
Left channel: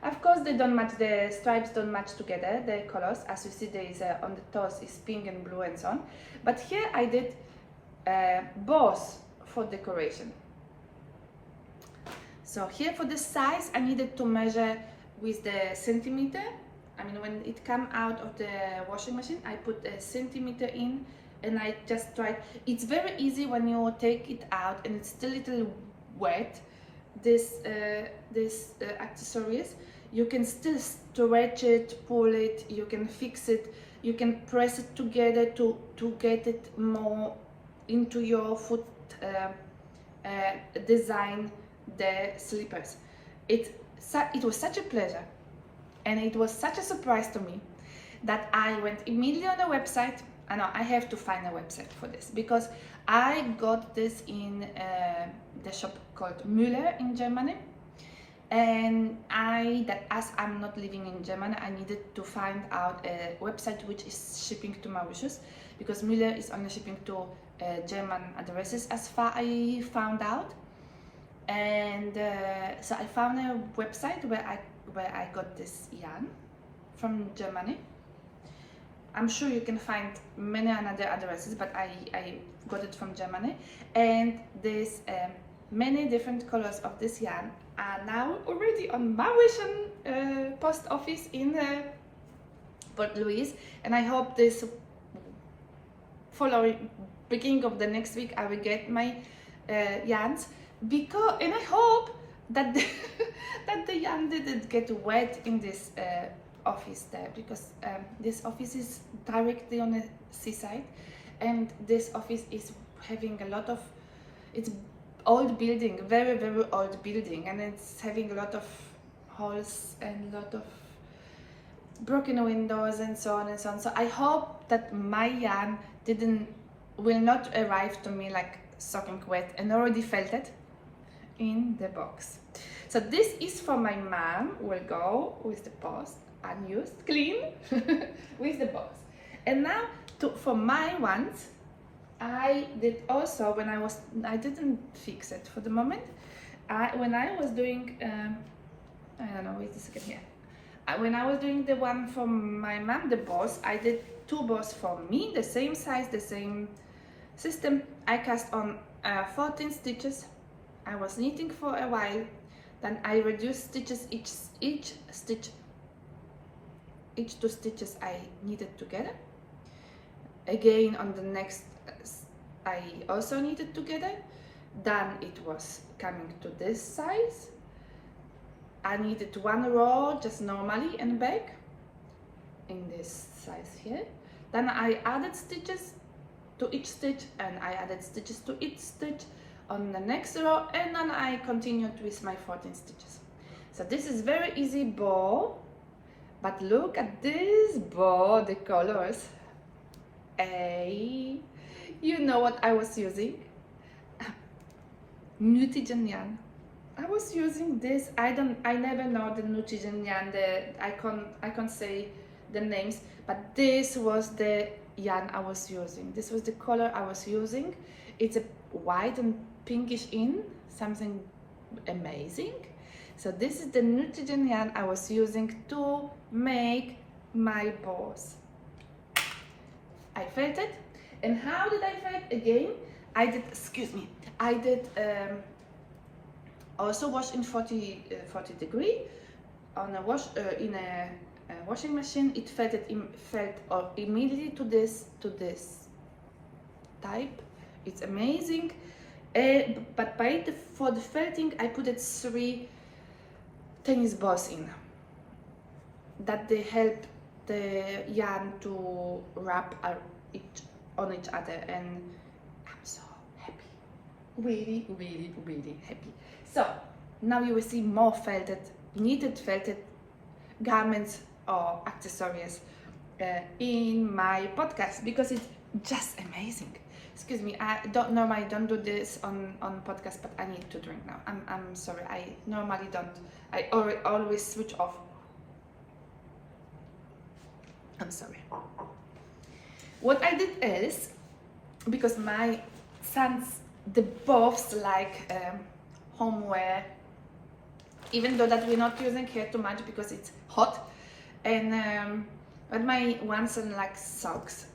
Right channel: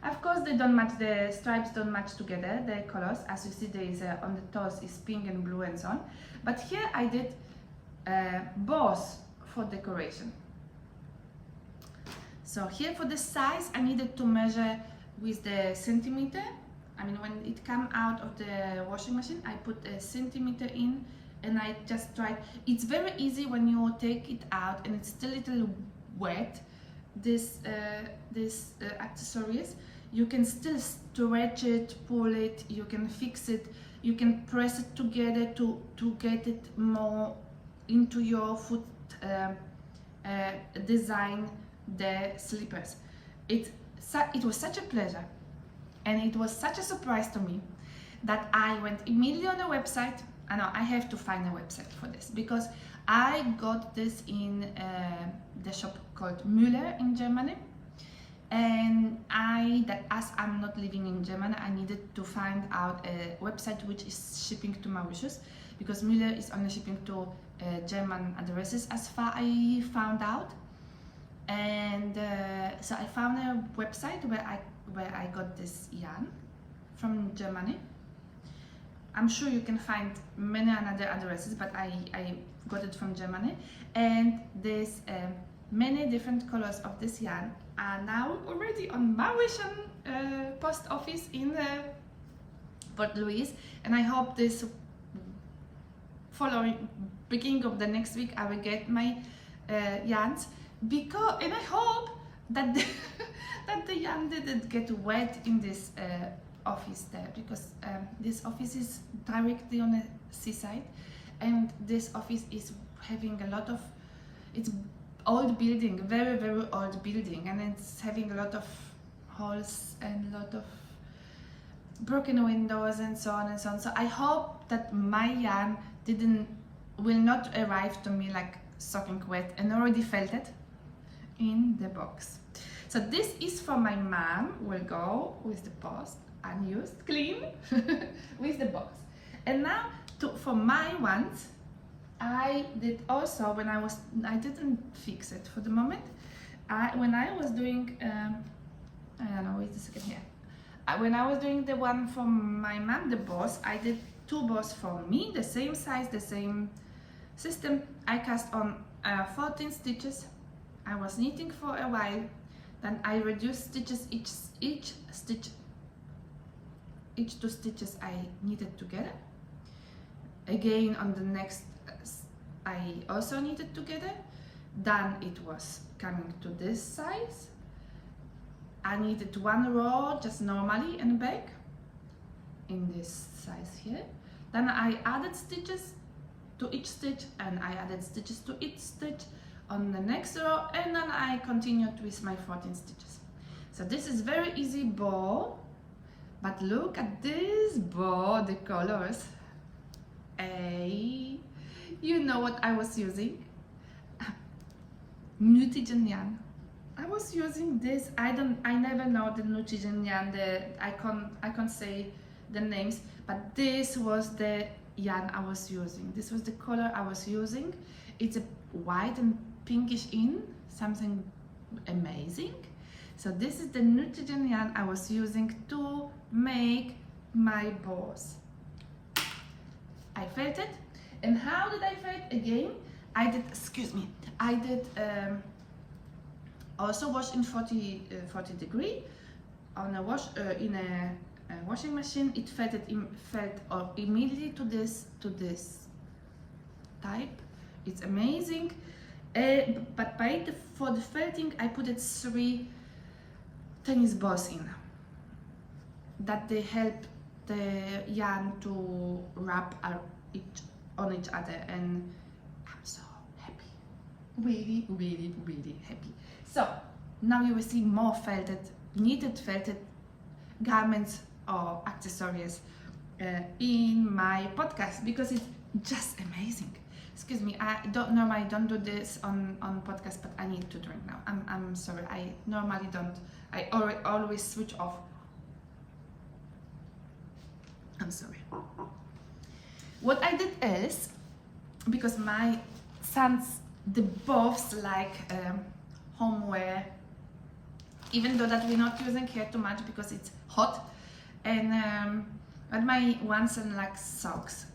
Of course, they don't match, the stripes don't match together, the colors. As you see, there is on the toes is pink and blue and so on. But here I did both for decoration. So here for the size, I needed to measure with the centimeter. I mean, when it came out of the washing machine, I put a centimeter in, and I just tried. It's very easy when you take it out and it's still a little wet. This accessories, you can still stretch it, pull it, you can fix it, you can press it together to get it more into your foot design, the slippers. It was such a pleasure, and it was such a surprise to me that I went immediately on a website. I know I have to find a website for this, because I got this in the shop called MEHAIR in Germany, and as I'm not living in Germany, I needed to find out a website which is shipping to Mauritius, because MEHAIR is only shipping to German addresses as far I found out. And so I found a website where I got this yarn from Germany. I'm sure you can find many other addresses, but I got it from Germany. And there's many different colors of this yarn are now already on Mauritian post office in Port Louis, and I hope this following beginning of the next week I will get my yarns, and I hope that that the yarn didn't get wet in this office there, because this office is directly on the seaside, and this office is having a lot of, it's old building, very old building, and it's having a lot of holes and a lot of broken windows and so on and so on. So I hope that my yarn will not arrive to me like soaking wet and already felt it in the box. So this is for my mom, will go with the post, unused, clean, with the box. And now for my ones, I did also, I didn't fix it for the moment. When I was doing, I don't know, wait a second here. When I was doing the one for my mom, the bows, I did 2 bows for me, the same size, the same system. I cast on 14 stitches. I was knitting for a while. Then I reduced stitches, each 2 stitches I knitted together. Again on the next I also knitted together. Then it was coming to this size. I knitted 1 row just normally and back in this size here. Then I added stitches to each stitch, and I added stitches to each stitch on the next row, and then I continued with my 14 stitches. So this is very easy bow, but look at this bow, the colors. You know what I was using? Nutiden yarn. I was using this. I never know the Nutiden yarn. I can't say the names, but this was the yarn I was using. This was the color I was using. It's a white and pinkish something amazing. So this is the Nutiden yarn I was using to make my bows. I felt it. And how did I felt again? I did also wash in 40 degree on a in a washing machine. It felt immediately to this type. It's amazing. But for the felting, I put 3 tennis balls in. That they help the yarn to wrap on each other, and I'm so happy. Really, really, really happy. So now you will see more knitted felted garments or accessories in my podcast, because it's just amazing. Excuse me, I normally don't do this on podcast, but I need to drink now. I'm sorry, I normally don't. I always switch off. I'm sorry. What I did is, because my sons, they both like homeware, even though that we're not using here too much because it's hot, and but my one son likes socks,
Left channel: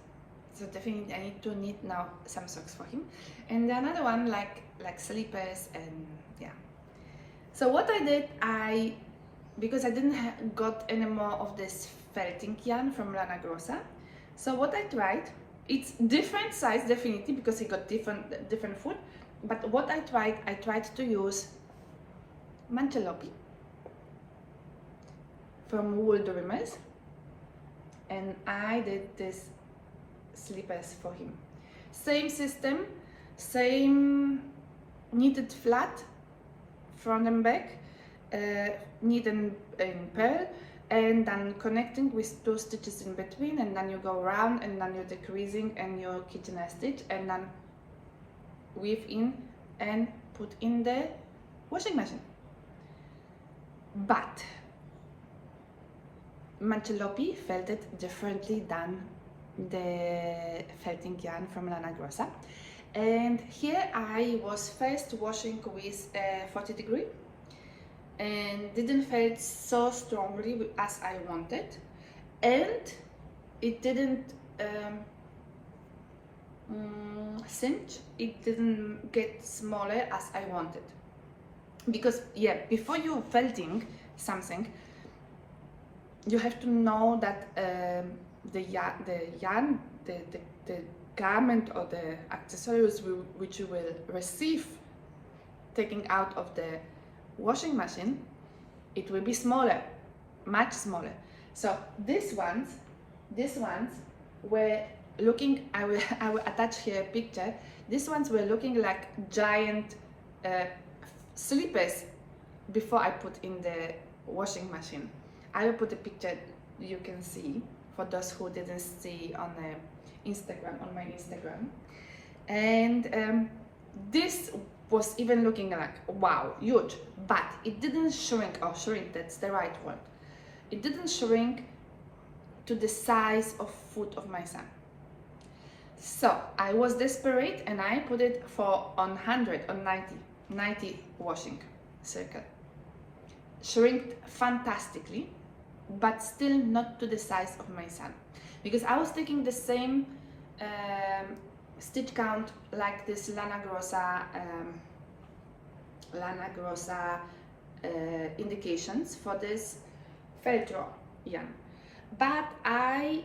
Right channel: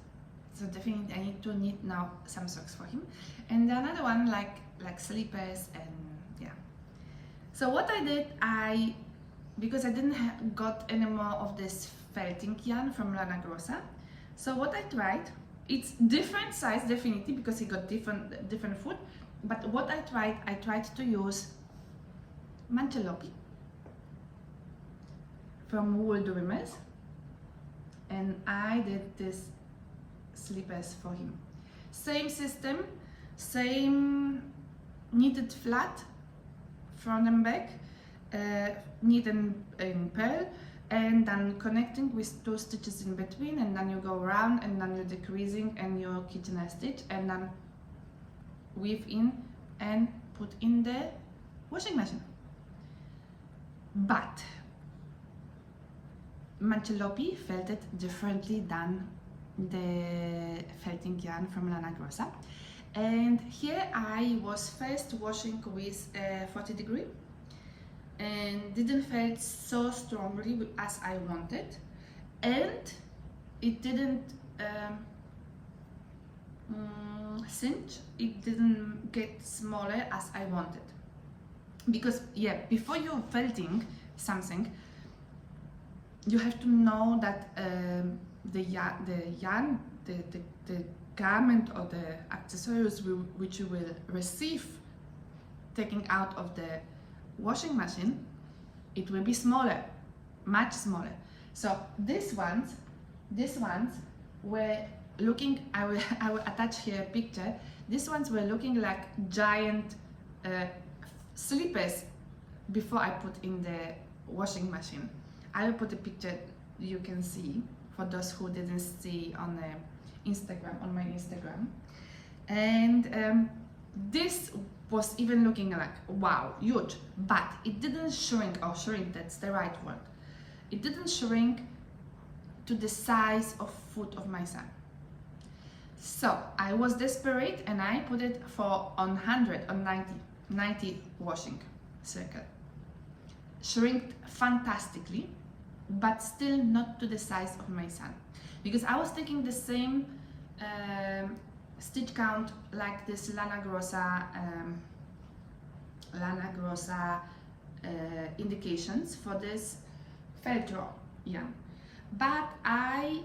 so definitely I need to knit now some socks for him, and the another one like slippers, and yeah. So what I did, because I didn't got any more of this felting yarn from Lana Grossa, so what I tried, it's different size definitely because it got different foot, but what I tried to use manchelopi from Wool Dreamers, and I did this slippers for him. Same system, same knitted flat front and back, knitted in pearl, and then connecting with 2 stitches in between, and then you go around, and then you're decreasing and you kitchen stitch, and then weave in and put in the washing machine. But manchelopi felted differently than the felting yarn from Lana Grossa, and here I was first washing with 40 degree, and didn't felt so strongly as I wanted, and it didn't cinch, it didn't get smaller as I wanted. Because yeah, before you're felting something, you have to know that the yarn, the garment or the accessories which you will receive taking out of the washing machine, it will be smaller, much smaller. So these ones were looking, I will attach here a picture. These ones were looking like giant slippers before I put in the washing machine. I will put a picture you can see, for those who didn't see on Instagram, on my Instagram. And this was even looking like, wow, huge, but it didn't shrink, or shrink, that's the right word. It didn't shrink to the size of foot of my son. So I was desperate and I put it for on 100, on 90 washing circle. Shrinked fantastically, but still not to the size of my son. Because I was taking the same stitch count like this Lana Grossa indications for this Feltro yarn. But I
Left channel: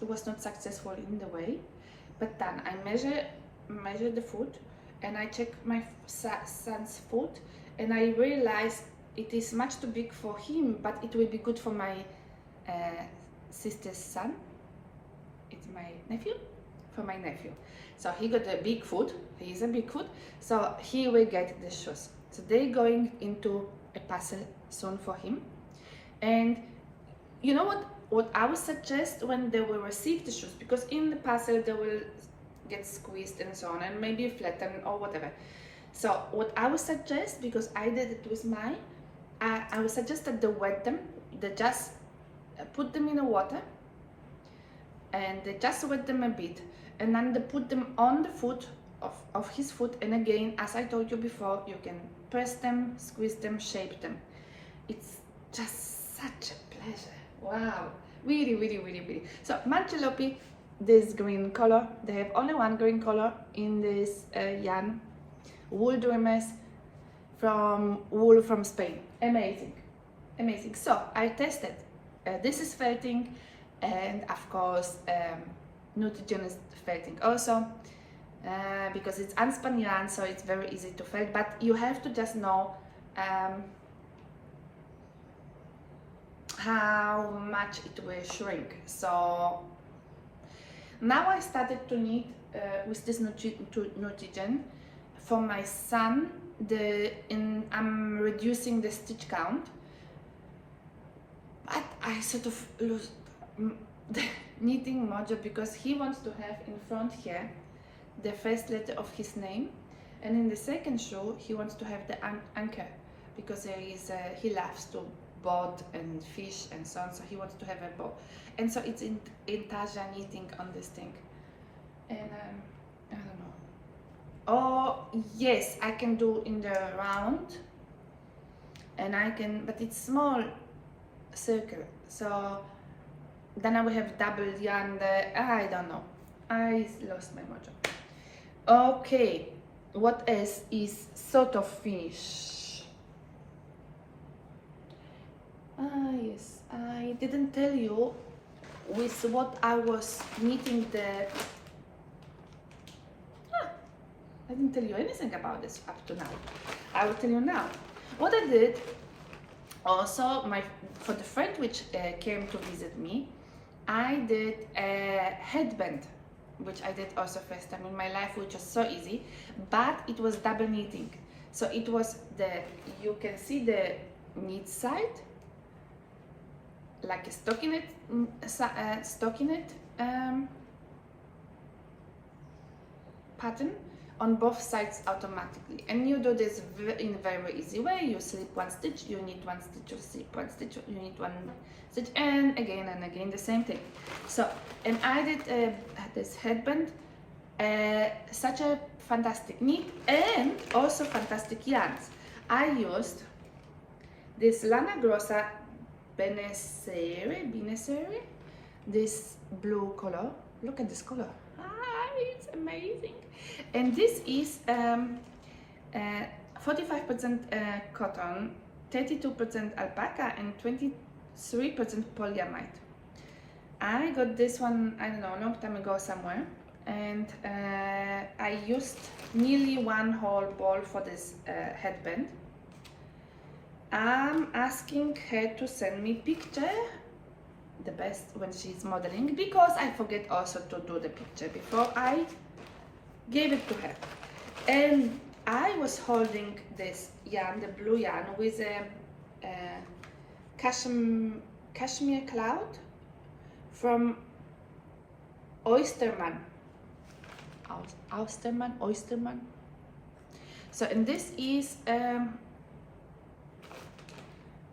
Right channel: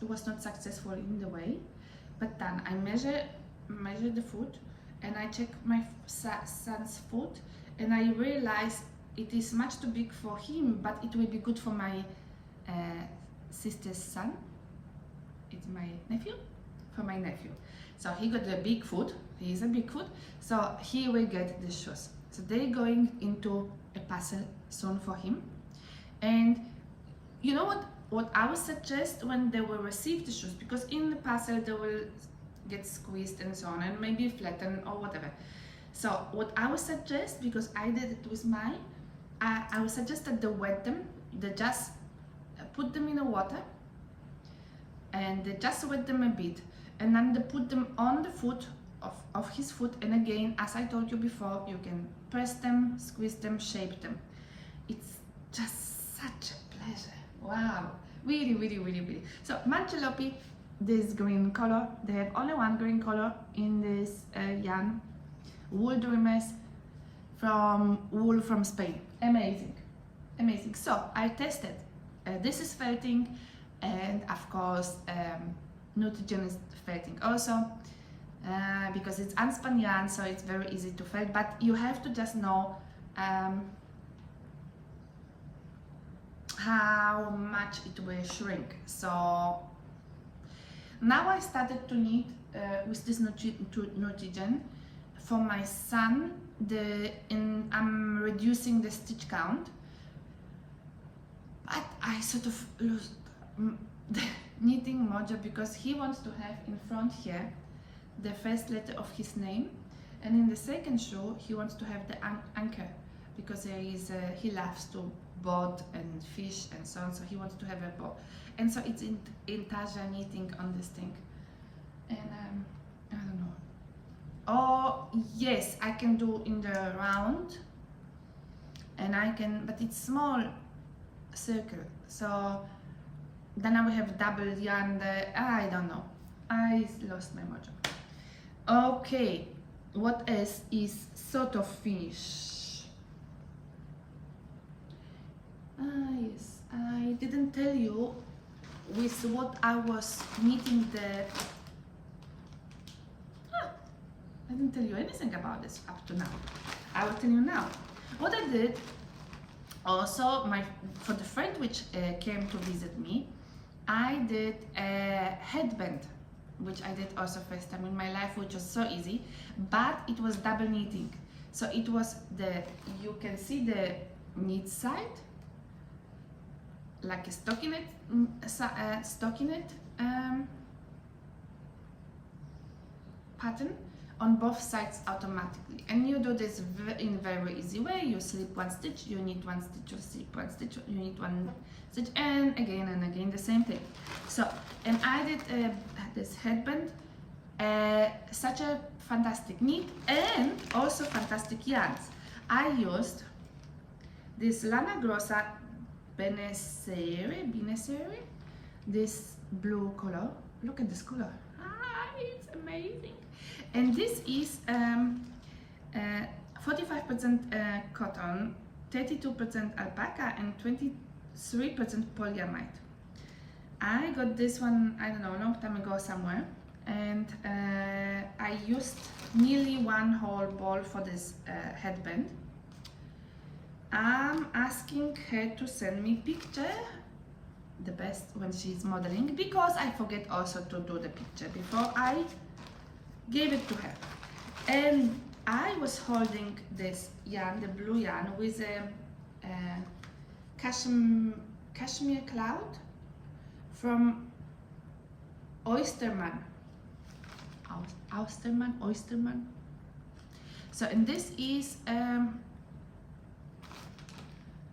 was not successful in the way, but then I measure the foot and I check my son's foot and I realize it is much too big for him, but it will be good for my sister's son. It's my nephew, for my nephew. So he got a big foot, he is a big foot, so he will get the shoes. So they're going into a parcel soon for him. And you know what I would suggest when they will receive the shoes, because in the parcel they will get squeezed and so on, and maybe flattened or whatever. So what I would suggest, because I did it with mine, I would suggest that they wet them, they just put them in the water and they just wet them a bit, and then they put them on the foot of his foot, and again, as I told you before, you can press them, squeeze them, shape them. It's just such a pleasure. Wow, really, really, really, really. So Manchelopi, this green color, they have only one green color in this yarn. Wool Dreamers from wool from Spain. Amazing, amazing. So I tested. This is felting, and of course Nutiden is felting also, because it's unspun yarn, so it's very easy to felt. But you have to just know how much it will shrink. So now I started to knit with this Nutiden for my son. I'm reducing the stitch count, but I sort of lost the knitting mojo, because he wants to have in front here the first letter of his name, and in the second shoe he wants to have the anchor, because he loves to boat and fish and so on, so he wants to have a boat, and so it's in Taja knitting on this thing, and I don't know. Oh yes, I can do in the round, and I can, but it's small circle, so then I will have double yarn there. I don't know, I lost my mojo. Okay, what else is sort of finished? Yes, I didn't tell you with what I was knitting the... I didn't tell you anything about this up to now. I will tell you now. What I did also, for the friend which came to visit me, I did a headband, which I did also first time in my life, which was so easy, but it was double knitting. So it was you can see the knit side, like a stockinette pattern on both sides automatically, and you do this in a very easy way. You slip one stitch, you knit one stitch, you slip one stitch, you knit one stitch, and again the same thing. So, and I did this headband, such a fantastic knit, and also fantastic yarns. I used this Lana Grossa Benesere, this blue color. Look at this color. It's amazing. And this is 45% cotton, 32% alpaca, and 23% polyamide. I got this one, I don't know, a long time ago somewhere, and I used nearly one whole ball for this headband. I'm asking her to send me picture, the best when she's modeling, because I forget also to do the picture before I gave it to her. And I was holding this yarn, the blue yarn, with a cashmere cloud from Oysterman. Oysterman. So, and this is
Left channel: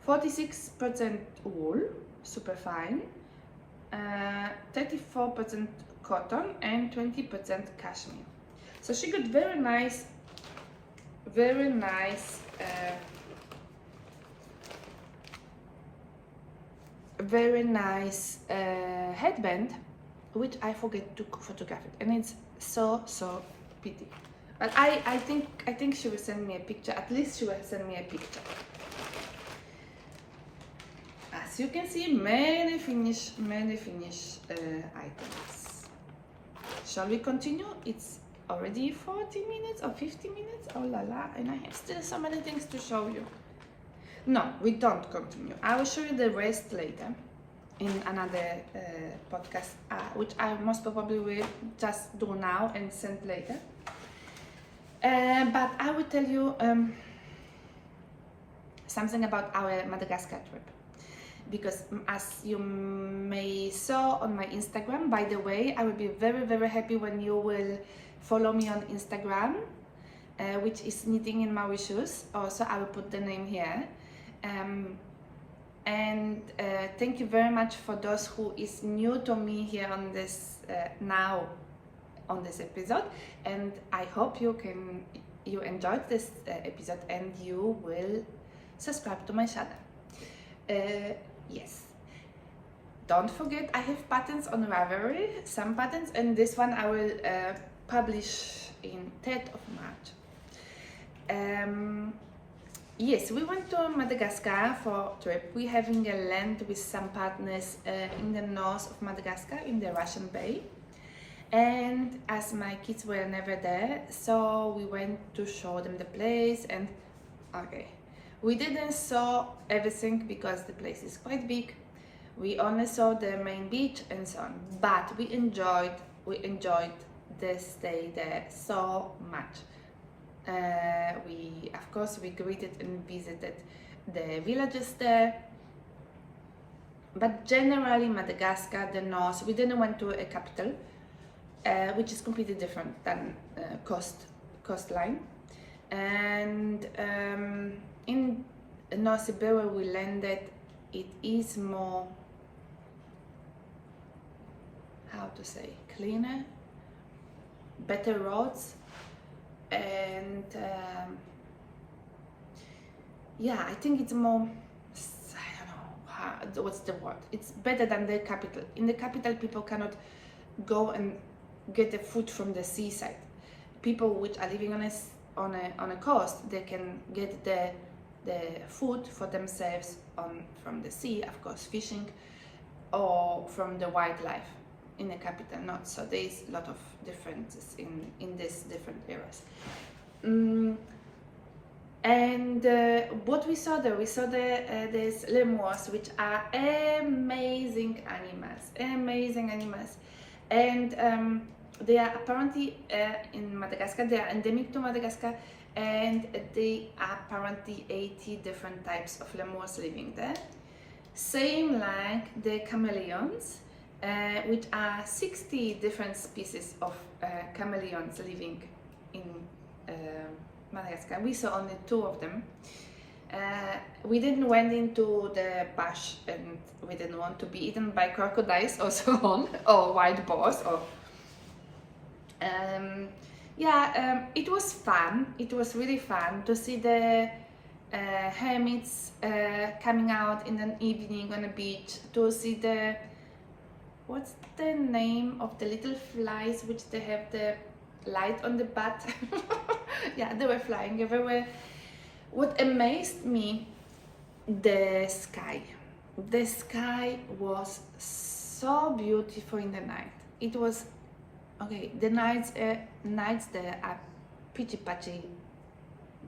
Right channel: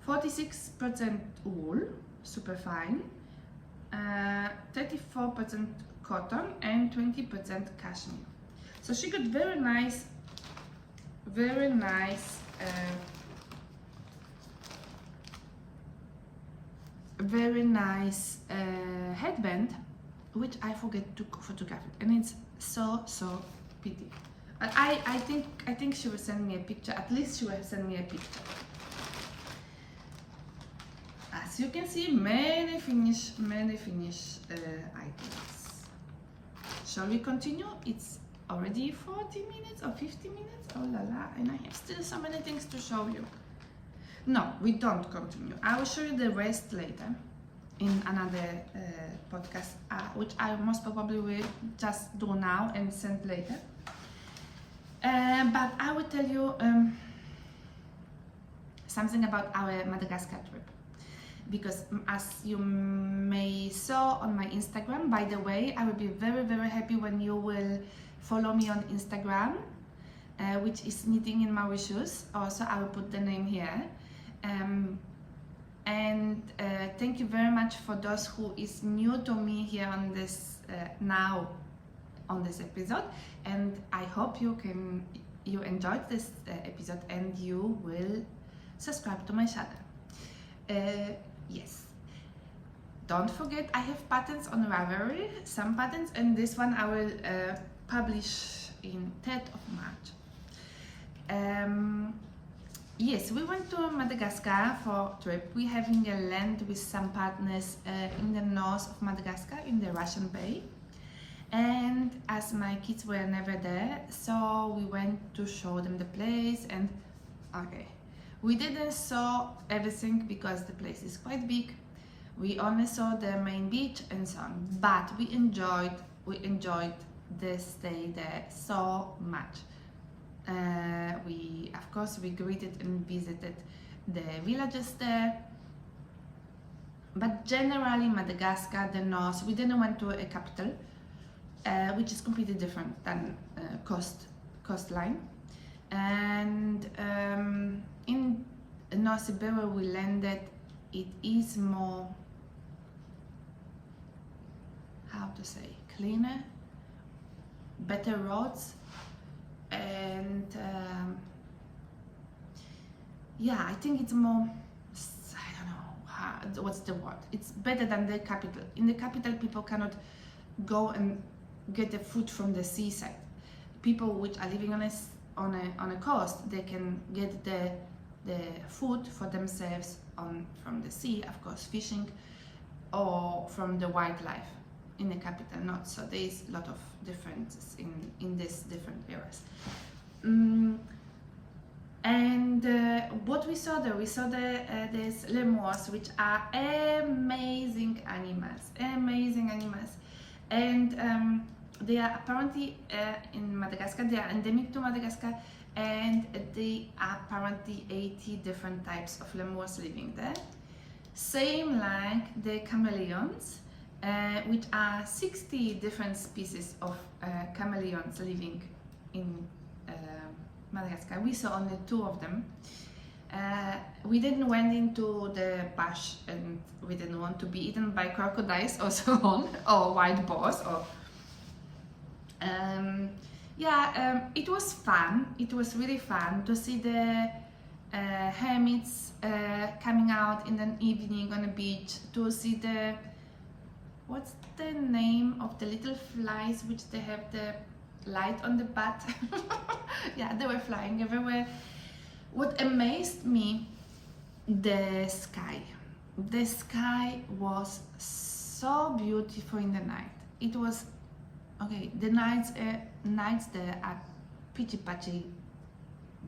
46% wool, super fine, 34% cotton, and 20% cashmere. So she got very nice headband, which I forget to photograph it, and it's so pretty. But I think she will send me a picture. At least she will send me a picture. As you can see, many Finnish items. Shall we continue? It's already 40 minutes or 50 minutes. Oh la la, and I have still so many things to show you. No, we don't continue. I will show you the rest later in another podcast, which I most probably will just do now and send later. But I will tell you something about our Madagascar trip. Because as you may saw on my Instagram, by the way, I will be very happy when you will follow me on Instagram, which is Knitting in Mauritius. Also, I will put the name here. And thank you very much for those who is new to me here on this now on this episode, and I hope you enjoyed this episode and you will subscribe to my channel. Yes, don't forget I have patterns on Ravelry, some patterns, and this one I will publish in 3rd of March. Yes, we went to Madagascar for a trip. We're having a land with some partners in the north of Madagascar, in the Russian Bay. And as my kids were never there, so we went to show them the place. And okay, we didn't saw everything because the place is quite big. We only saw the main beach and so on, but we enjoyed the stay there so much. Of course we greeted and visited the villages there, but generally Madagascar, the north, we didn't went to a capital, which is completely different than coastline. And in North Sea where we landed, it is more, how to say, cleaner, better roads, and yeah, I think it's more, I don't know what's the word, it's better than the capital. In the capital people cannot go and get the food from the seaside. People which are living on a coast, they can get the food for themselves from the sea, of course, fishing, or from the wildlife. In the capital, not. So there is a lot of differences in these different areas. And what we saw there, these lemurs, which are amazing animals, and they are apparently in Madagascar. They are endemic to Madagascar, and they are apparently 80 different types of lemurs living there. Same like the chameleons, which are 60 different species of chameleons living in Madagascar. We saw only 2 of them. We didn't went into the bush, and we didn't want to be eaten by crocodiles or so on, or wild boars, or it was fun. It was really fun to see the hermits coming out in an evening on a beach, to see the, what's the name of the little flies which they have the light on the butt? Yeah, they were flying everywhere. What amazed me, the sky. The sky was so beautiful in the night. It was, okay, the nights there are pitchy patchy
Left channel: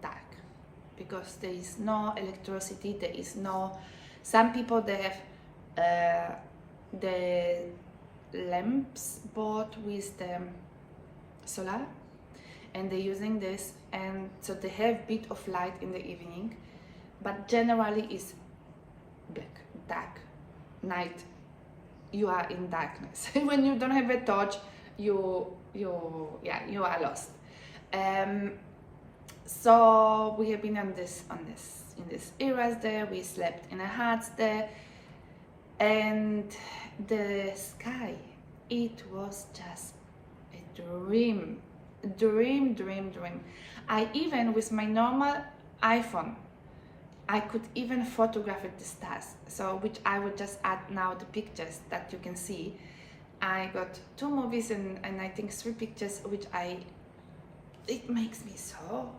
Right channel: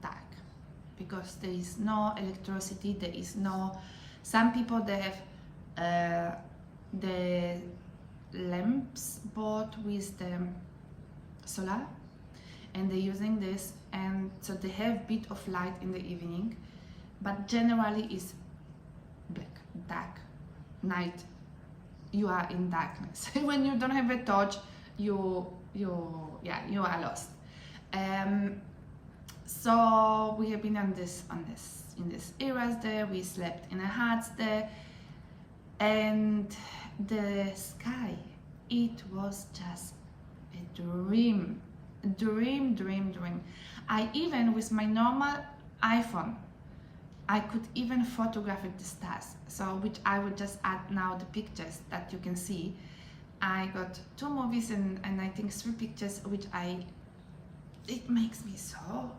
dark, because there is no electricity, there is no, some people they have the lamps bought with the solar, and they're using this, and so they have bit of light in the evening, but generally is black, dark, night. You are in darkness. When you don't have a torch, you are lost. So we have been in this areas there. We slept in a huts there, and the sky, it was just a dream. I even, with my normal iPhone, I could even photograph the stars. So, which I would just add now the pictures that you can see. I got 2 movies and I think 3 pictures, which it makes me so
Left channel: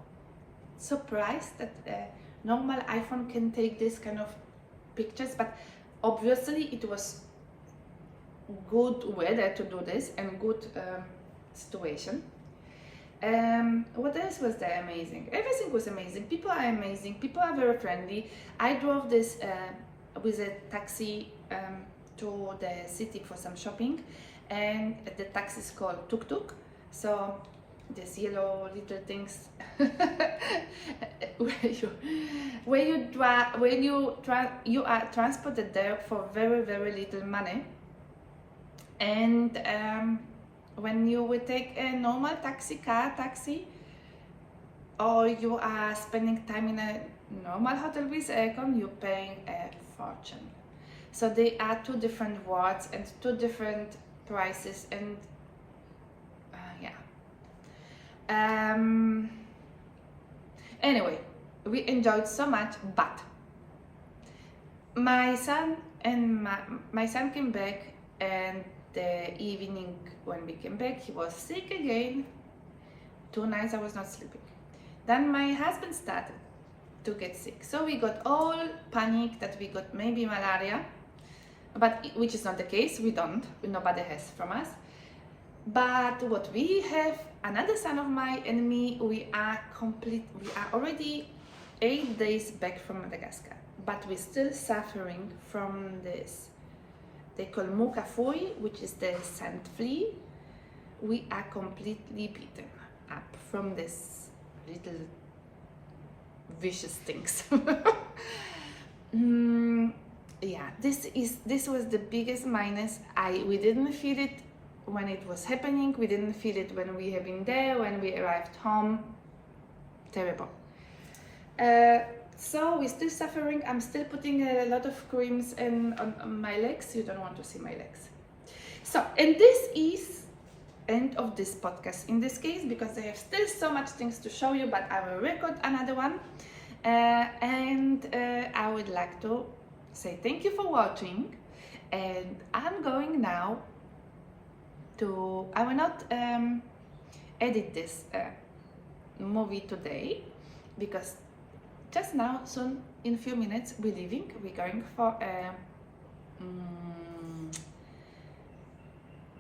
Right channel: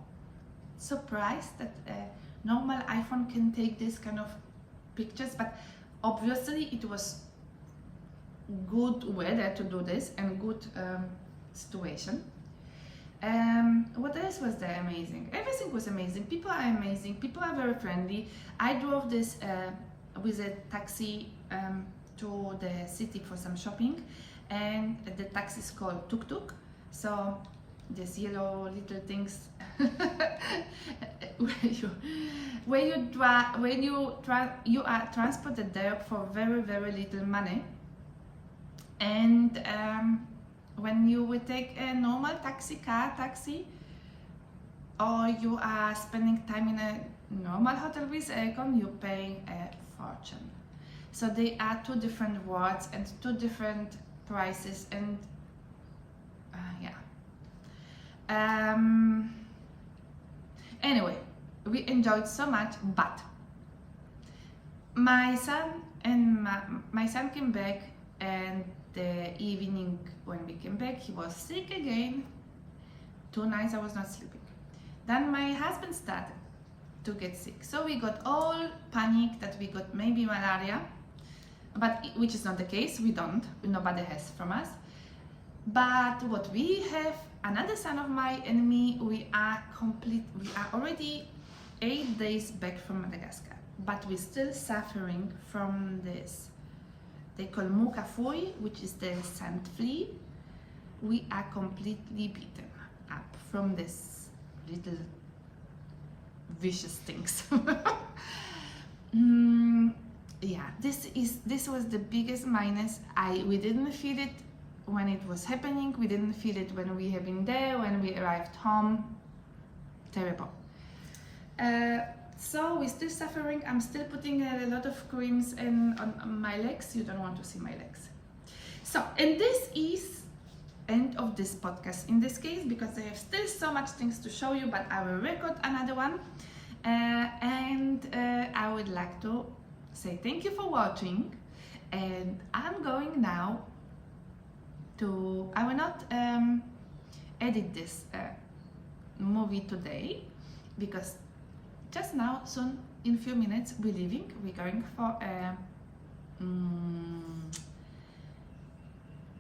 surprised that a normal iPhone can take this kind of pictures. But obviously it was good weather to do this and good situation. What else was there amazing? Everything was amazing. People are amazing. People are very friendly. I drove this with a taxi to the city for some shopping, and the taxi is called Tuk Tuk. So these yellow little things you are transported there for very little money, and when you will take a normal taxi, or you are spending time in a normal hotel with aircon, you're paying a fortune. So they are 2 different worlds and 2 different prices, and anyway, we enjoyed so much, but my son came back, and the evening when we came back, he was sick again. 2 nights I was not sleeping. Then my husband started to get sick, so we got all panic that we got maybe malaria, but which is not the case. We don't. Nobody has from us. But what we have, another son of mine and me, we are already 8 days back from Madagascar, but we're still suffering from this. They call mukafui, which is the sand flea. We are completely beaten up from this little vicious things. Yeah, this was the biggest minus. We didn't feel it when it was happening. We didn't feel it when we have been there. When we arrived home, terrible. So we're still suffering. I'm still putting a lot of creams on my legs. You don't want to see my legs. So, and this is end of this podcast in this case, because I have still so much things to show you, but I will record another one. And I would like to say thank you for watching, and I'm going now to, I will not edit this movie today, because just now, soon, in a few minutes, we're leaving. We're going for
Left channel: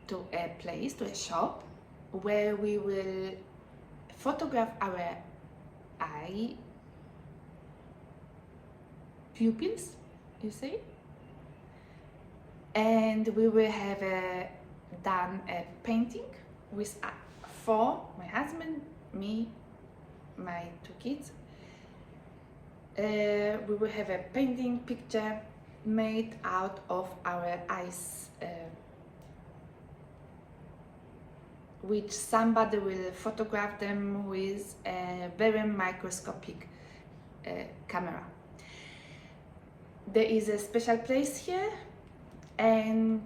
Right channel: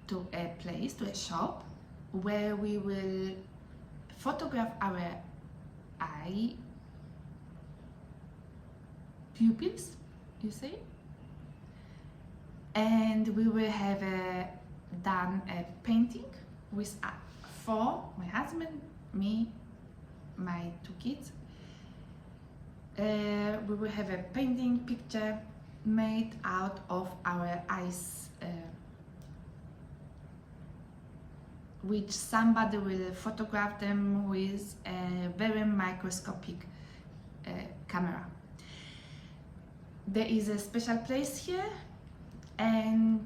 to a place, to a shop, where we will photograph our eye pupils, you say, and we will have done a painting with for my husband, me, my 2 kids. We will have a painting picture made out of our eyes, which somebody will photograph them with a very microscopic camera. There is a special place here, and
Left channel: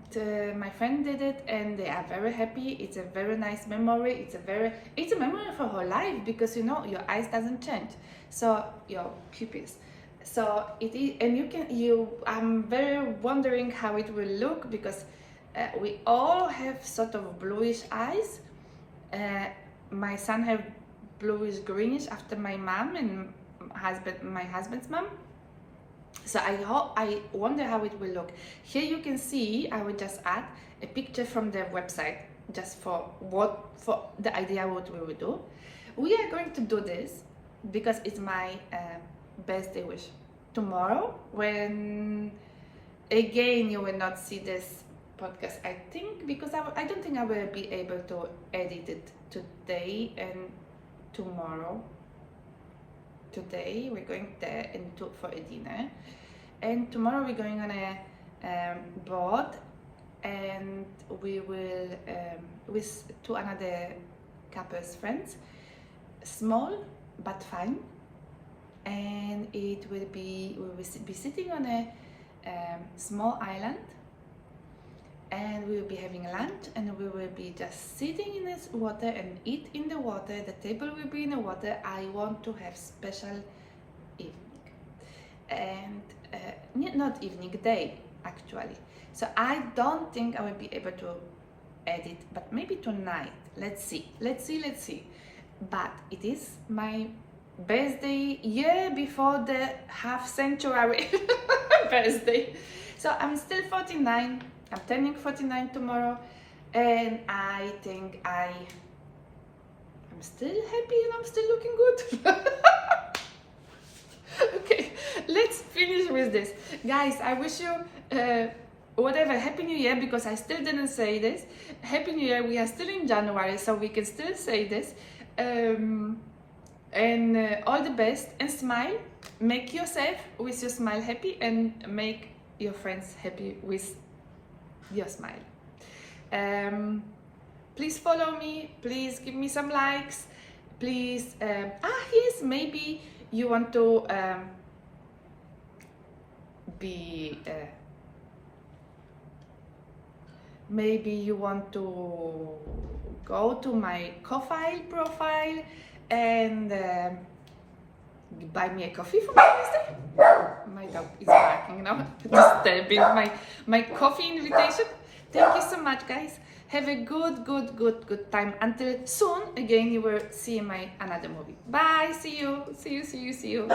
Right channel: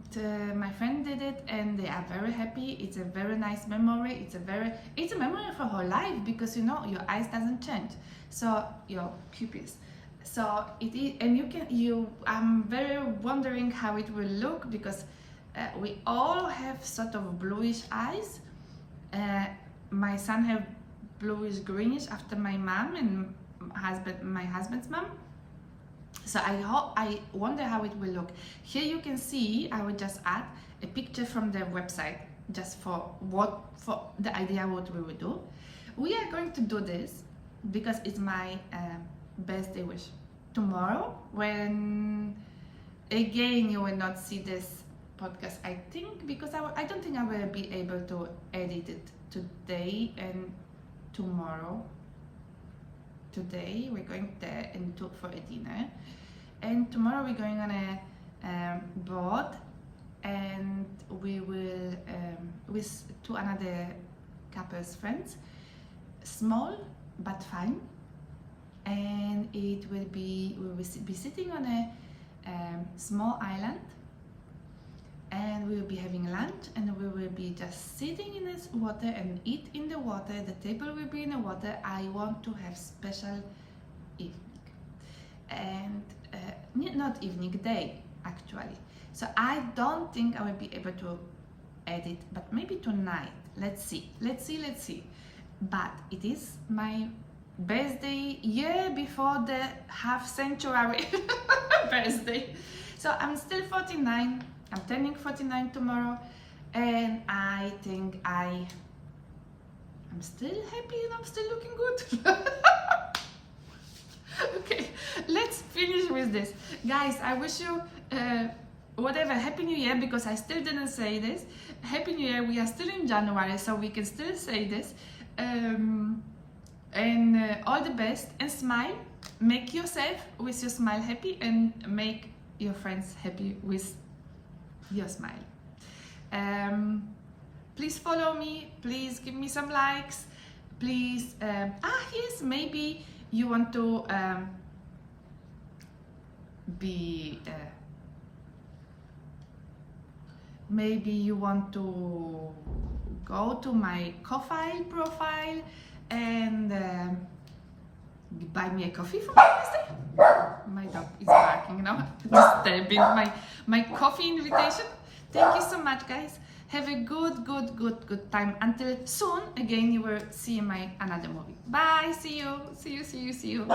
my friend did it, and they are very happy. It's a very nice memory. It's a memory for her life, because you know your eyes doesn't change, so your pupils. So it is, and I'm very wondering how it will look, because we all have sort of bluish eyes. My son have bluish greenish after my mom and my husband's mom. So I wonder how it will look. Here you can see, I will just add a picture from their website, just for the idea what we will do. We are going to do this because it's my birthday wish. Tomorrow, when again you will not see this podcast, I think, because I don't think I will be able to edit it today and tomorrow. today we're going there and for a dinner, and tomorrow we're going on a boat, and we will with two another couples friends, small but fun, and it will be, we will be sitting on a small island, and we will be having lunch, and we will be just sitting in this water and eat in the water. The table will be in the water. I want to have special evening, and not evening, day actually. So I don't think I will be able to edit, but maybe tonight. Let's see. But it is my birthday, year before the half-century birthday. So I'm still 49. I'm turning 49 tomorrow, and I think I'm still happy and I'm still looking good. Okay, let's finish with this. Guys, I wish you whatever, Happy New Year, because I still didn't say this. Happy New Year, we are still in January, so we can still say this. And all the best, and smile. Make yourself with your smile happy, and make your friends happy with your smile. Please follow me, please give me some likes, please. Yes, maybe you want to maybe you want to go to my Ko-fi profile and buy me a coffee for my birthday. My dog is barking now, disturbing my coffee invitation. Thank you so much, guys. Have a good time. Until soon, again, you will see my another movie. Bye. See you.